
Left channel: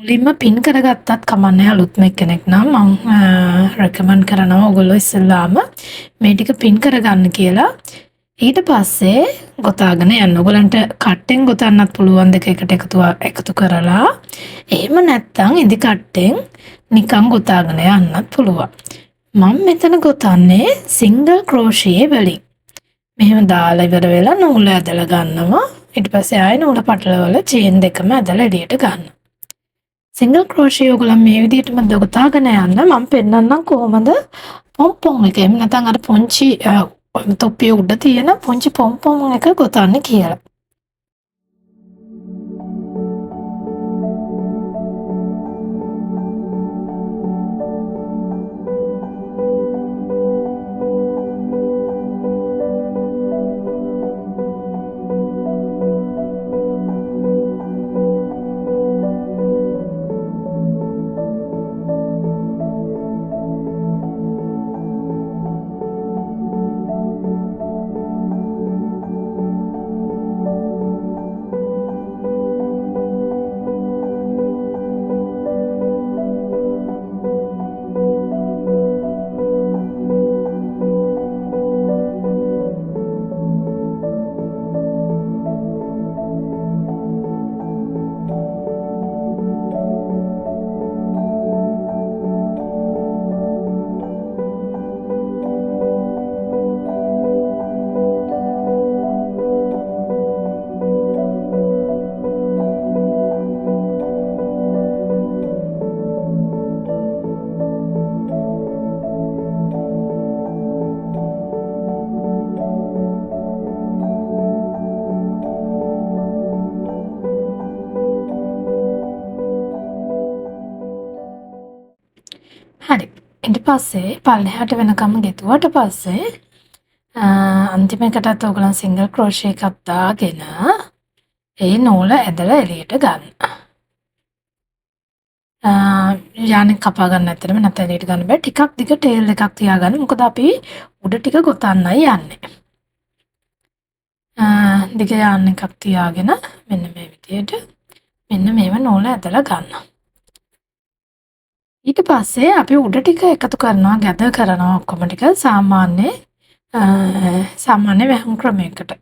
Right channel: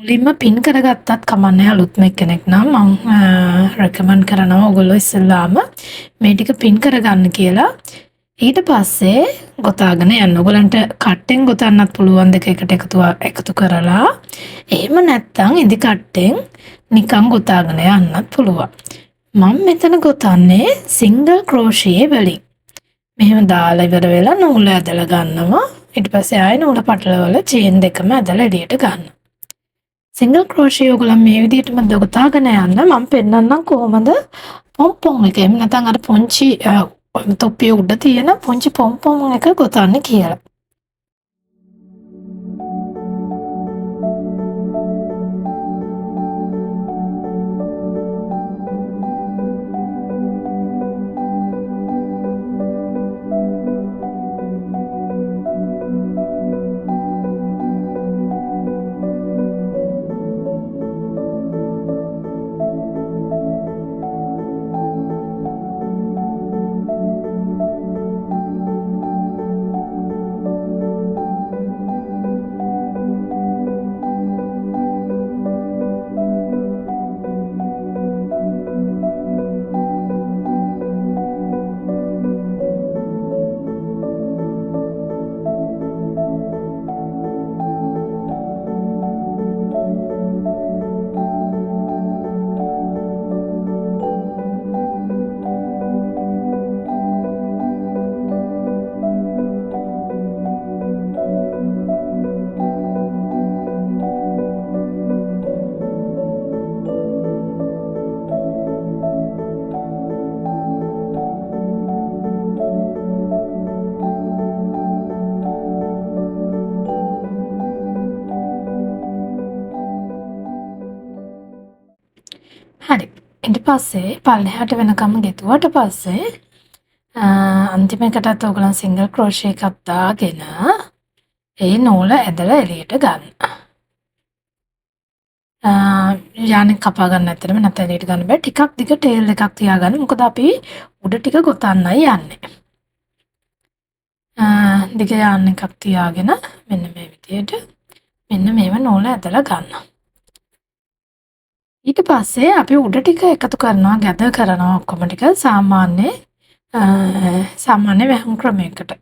මුලින්ම පින් කරගත්තත් කමන්නේ අලුත්ම කෙනෙක් නම් මම රෙකමන්ඩ් කරනවා ඔයගොල්ලෝ ඉස්සෙල්ලාම මේ ටික පින් කරගන්න කියලා. ඊට පස්සේ ගොතාගෙන යන්න. ඔයගලන්ට කට්ටෙන් ගොතන්නත් පුළුවන් දෙක එකට එකතු කරලා. එහෙම නැත්නම් ඉදි කට්ටෙන් නිකන් ගොතාගෙන යන්නත් පුළුවන්. මම මෙතන ගොතන්නේ සිංගල් ක්‍රෝෂියේ වලින්. මෙහෙම දාලා ඉවර වෙලා නූල ඇදලා ගන්නවා. ඊට පස්සේ ආයෙ නූල පටලවලා චේන් දෙකම ඇදලා එළියට ගන්නවා. සිංගල් ක්‍රෝෂිය ඔයගොල්ලන් මේ විදිහටම ගොතාගෙන යන්න මම පෙන්නන්නම් කොහොමද පොම්පොම් එක. එහෙම නැත්නම් අර පොන්චි තොප්පිය උඩ තියෙන පුංචි පොම්පොම් එක ගොතන්න කියලා. හරි. ඊට පස්සේ පල්ලෙහාට වෙනකම් ගෙතුවට පස්සේ අන්තිම එකටත් ඔයගලන් සිංගල් ක්‍රෝෂේ එකක් දාගෙන ඒ නූල ඇදලා එළියට ගන්න. යානෙ කපා ගන්න ඇත්තටම නැත්නම් එළියට ගන්න බෑ. ටිකක් දිග ටේල් එකක් තියාගන්න. මොකද අපි උඩ ටික ගොතන්නයි යන්නේ. දිග යාන් එකක් තියාගෙන මෙන්න මේ විදියට මෙන්න මේව නූල ඇදලා ගන්නවා. ඊට පස්සේ අපි උඩ ටික එකතු කරනවා ගැදර් කරනවා ඔක්කොම ටික සාමාන්‍ය වැහුම් ක්‍රමයකට.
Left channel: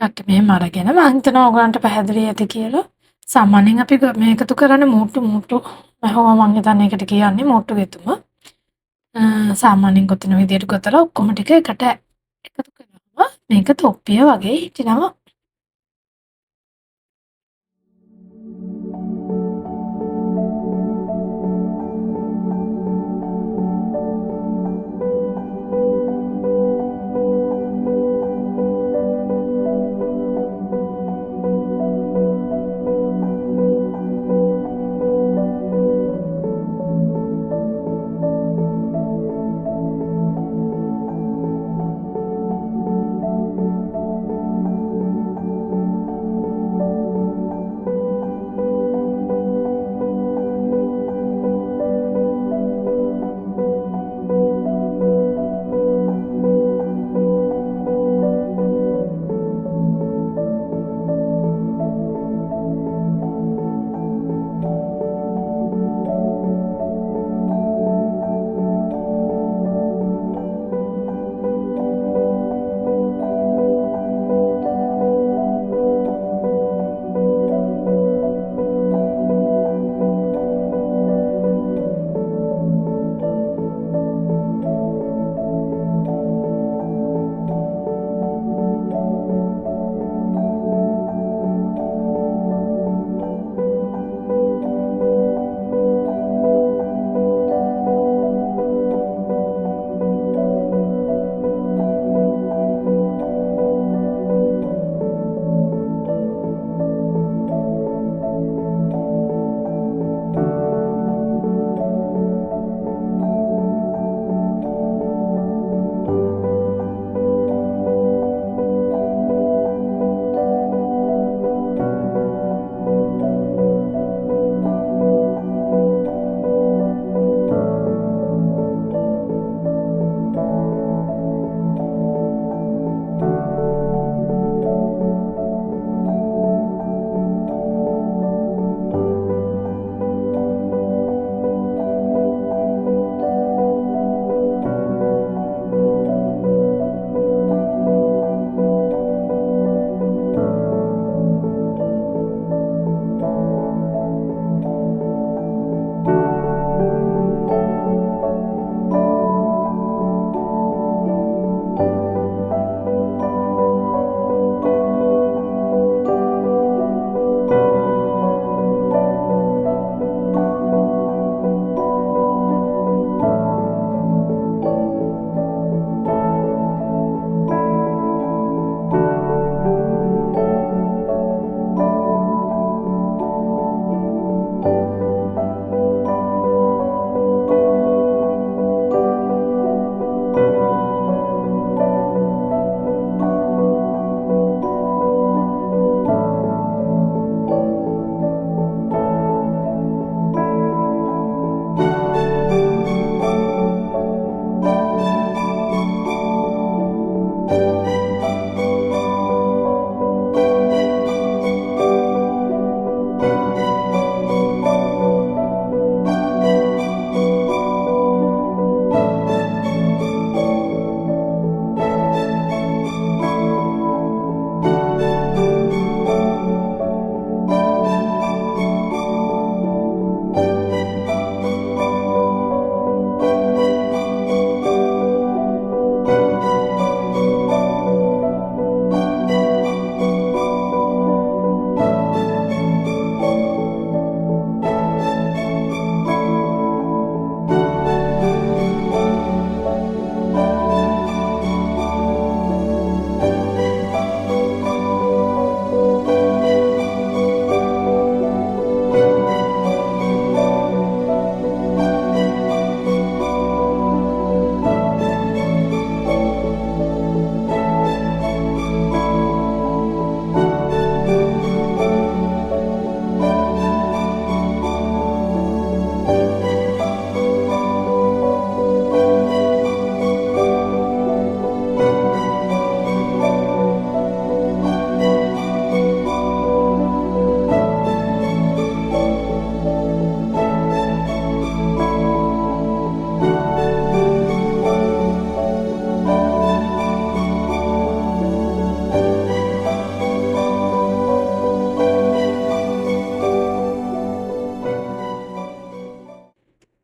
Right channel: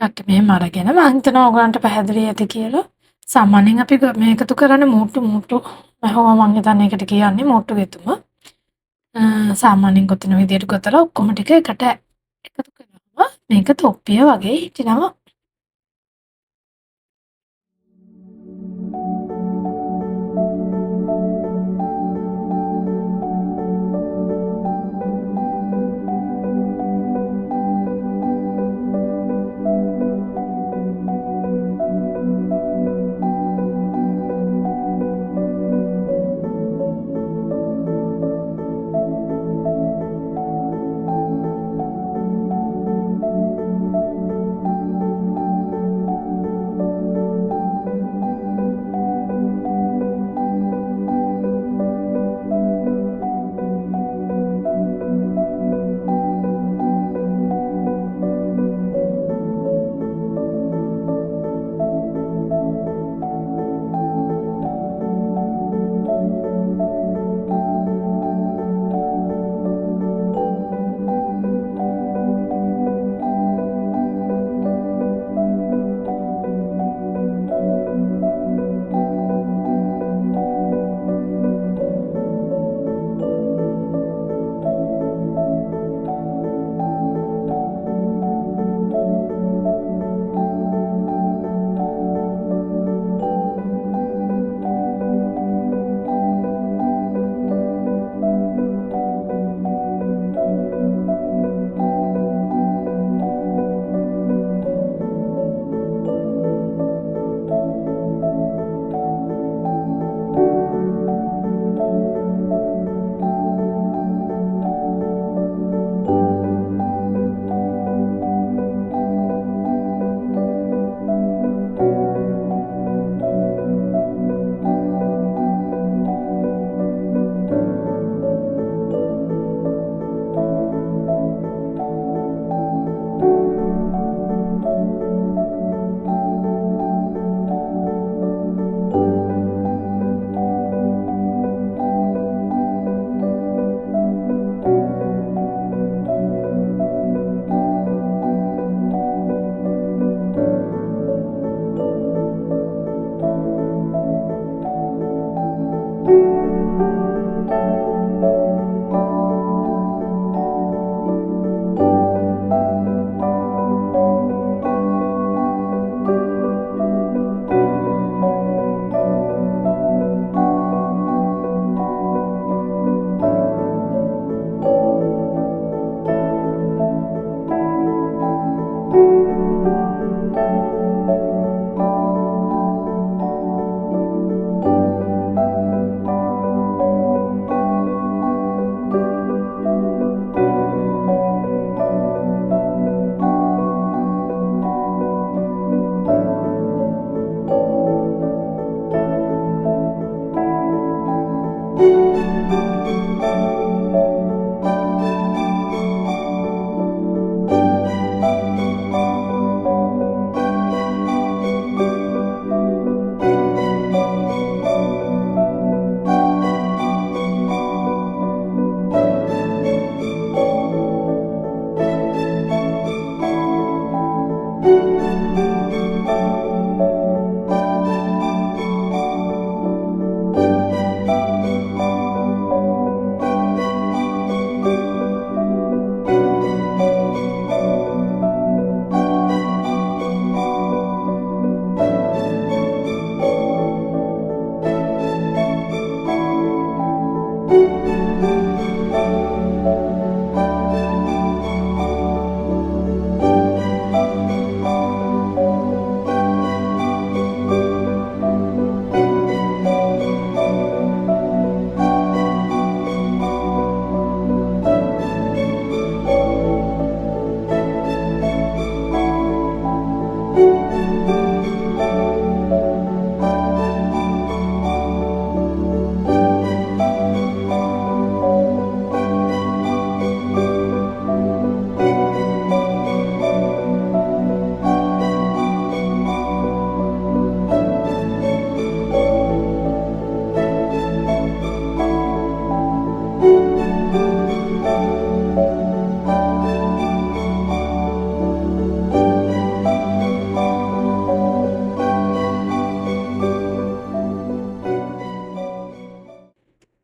ටිකක් මෙහෙම අරගෙන මම හිතනවා ඔයගලන්ට පැහැදිලි ඇති කියලා. සාමාන්‍යයෙන් අපි මේ එකතු කරන්නේ මූට්ටු වැහුම මම හිතන්නේ ඒකට කියන්නේ මූට්ටු ගෙතුම. සාමාන්‍යයෙන් ගොතන විදියට ගොතලා ඔක්කොම ටික එකට එකතු කරනවා. මේක තොප්පිය වගේ හිටිනවා.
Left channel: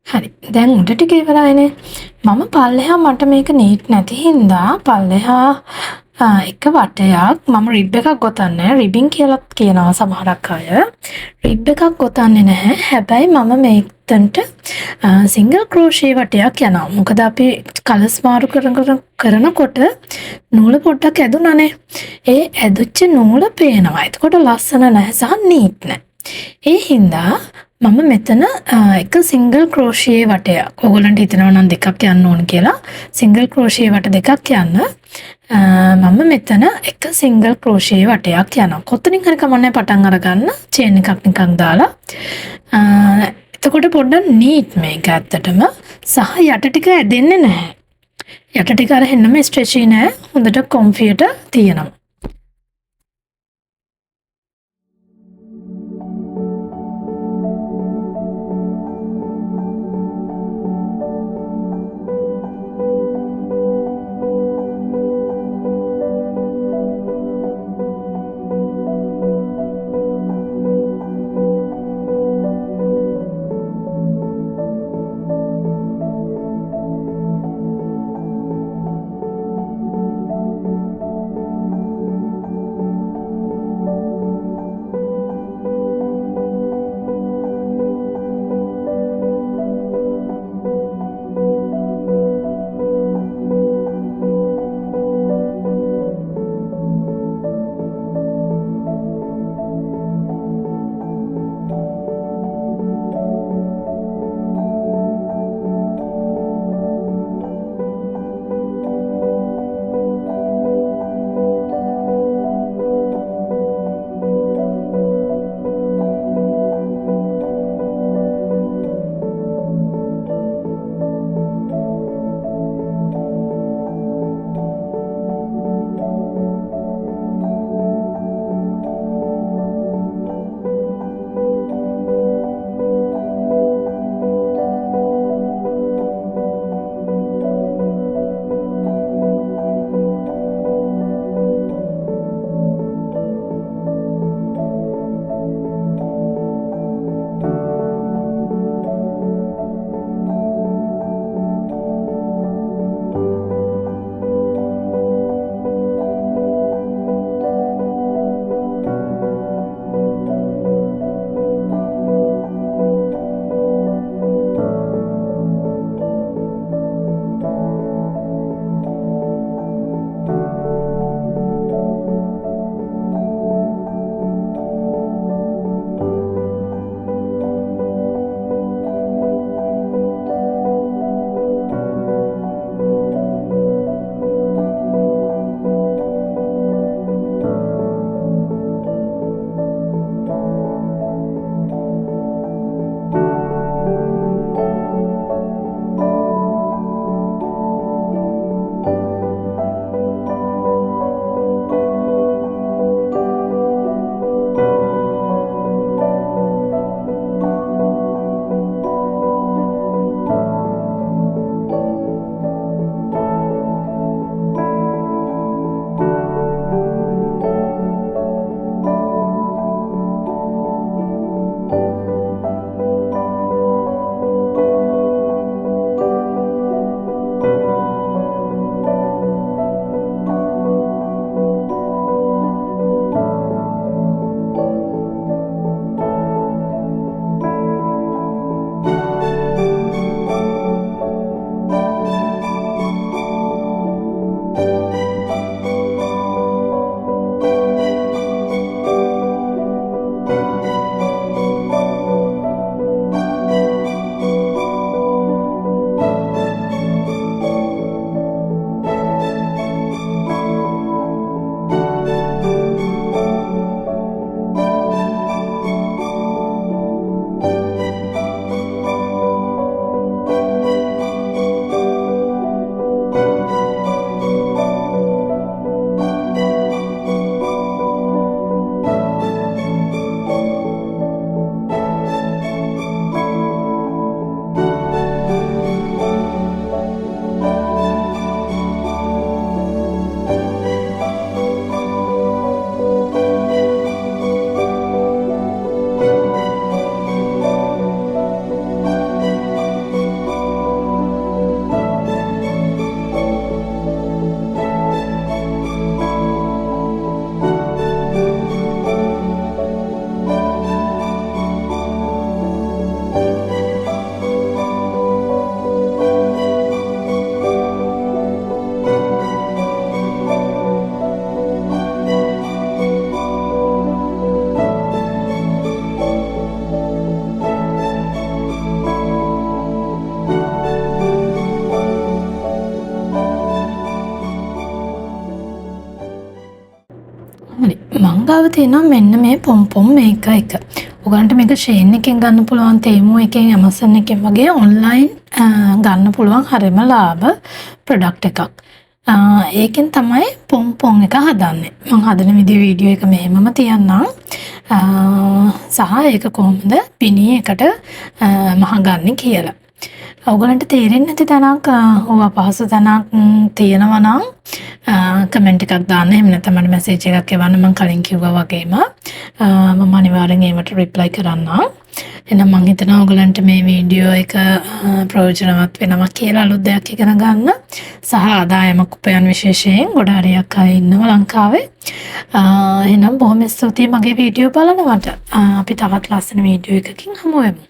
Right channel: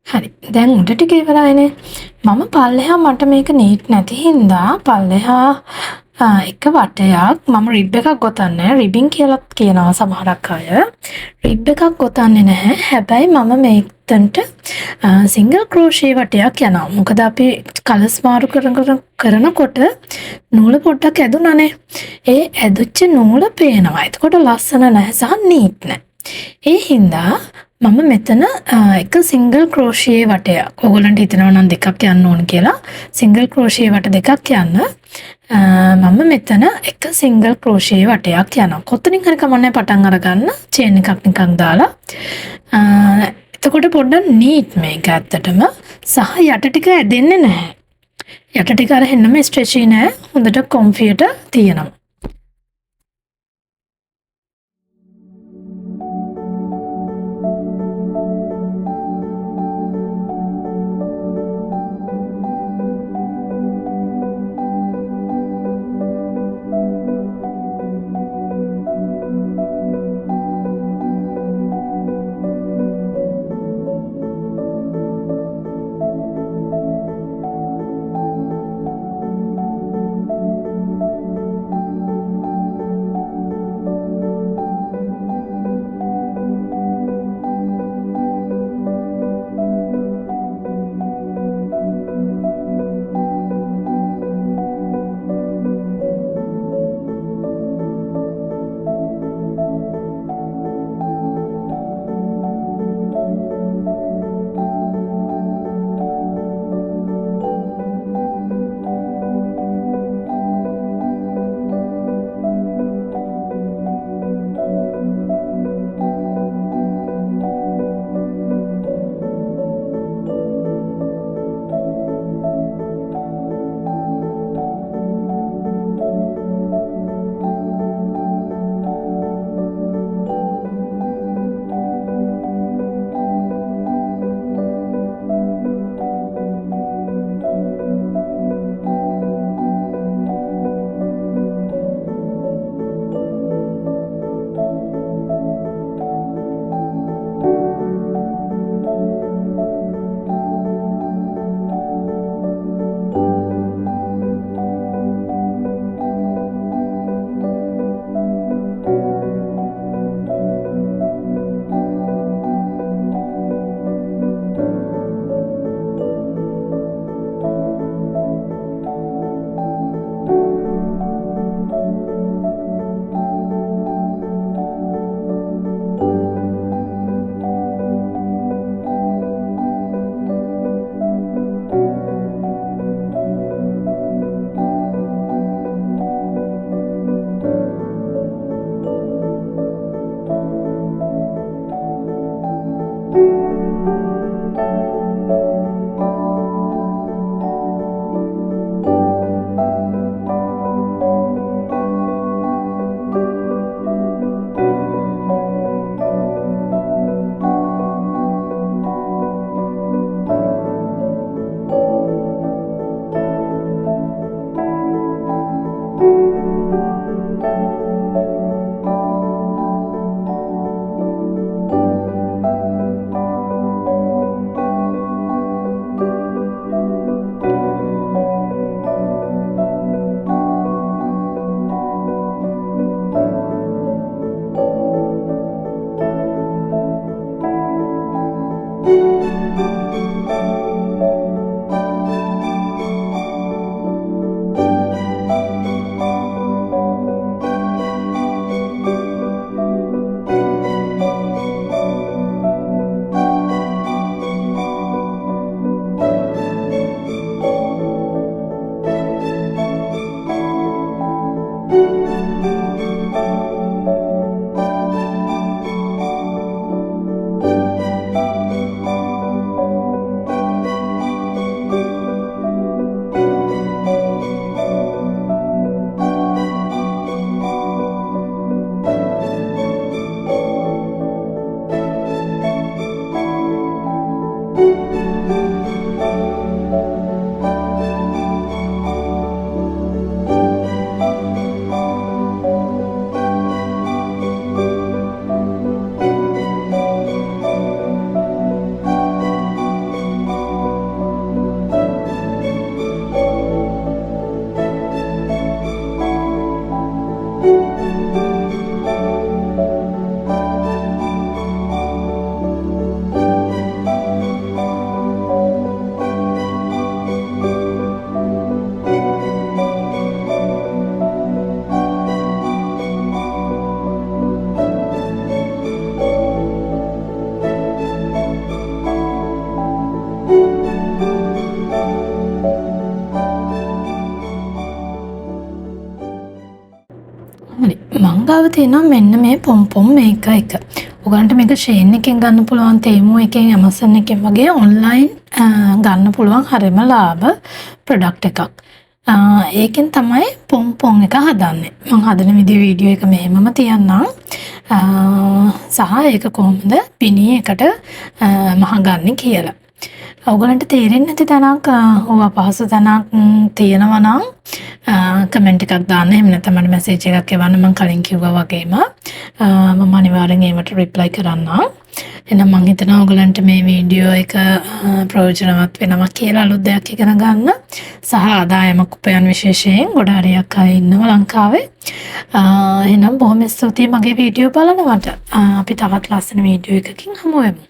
හරි. දැන් උඩට ගෙවලානේ. මම පල්ලෙහා මට මේක නීට් නැති හින්දා පල්ලෙහා එක වටයක් මම රිබ් එකක් ගොතන්නේ රිබින් කියලා කියනවා සමහරක් අය. රිබ් එකක් ගොතන්නේ නැහැ. හැබැයි මම මේකට සිංගල් ක්‍රෝෂේ වටයක් යනවා. මොකද අපි කලස් මාරු කරනකොට නූල පොඩ්ඩක් ඇදුනනේ. ඒ ඇදුච්ච නූල පේනවා. එතකොට ලස්සන නැහැ සහ නීට් නැහැ. ඒ හින්දා මම මෙතන එක සිංගල් ක්‍රෝෂියේ වටයක් ඔයගොල්ලන්ට හිතනවා නම් දෙකක් යන්න ඕන කියලා සිංගල් ක්‍රෝෂියේ වට දෙකක් යන්න මම මෙතන එක සිංගල් ක්‍රෝෂියේ වටයක් යනවා කොතනින් හරි කමන්නේ පටන් අරගන්න චේන් එකක් නිකන් දාලා එතකොට පොඩ්ඩක් නීට් මේක ඇත්තටම සහ යට ටික ඇදෙන්නේ නැහැ යට ටික අර හෙන්නම ස්ට්‍රෙචි නෑ හොඳට කොම්ෆියට තියෙනවා හරි මං ගාව තියෙනවා මෙන්න මේ පොම්පොම් මේක එක. ඔයගන්ට මේක ෂේන් එකෙන් ගන්න පුළුවන් තේමු එකෙන් Amazon එකෙන් වගේ ඔන්ලයින් ගන්න පුළුවන් හරිම ලාභ ප්‍රොඩක්ට් එකක්. ඒකෙන් තමයි පොම්පොම් එක හදන්නේ. මං හදන වීඩියෝ එක මෙහෙමම තියන්නම්. සහ ඒක කොහොමද පිණී එකට මහගන්නේ කියලා. ඔයගලන්ට තේරෙන්නේ නැති තැනක් ඕවා පහසු තැනක් තියෙනවා නම් කමෙන්ට් එකක් දාන්න. එහෙම නැත්නම් මට මැසේජ් එකක් එවන්න. මම කලින් කිව්වා වගේම මම අනිවාර්යෙන් ඒවට රිප්ලයි කරන්නම්. එහෙනම් මම හිතනවා ඔයගලන්ට මේ වීඩියෝ එක ප්‍රයෝජනවත් වෙනවා කියලා අලුත් දෙයක් ඉගෙන ගන්න. සහ ආදායමක් උපයන විශේෂයෙන් ගොඩ හරියක් අය ඉන්නවා ලංකාවේ. එහෙනම් බොහොම ස්තුතියි මගේ වීඩියෝ බලනවට. අපි තවත් ලස්සන වීඩියෝ එකකින් හමු වෙමු.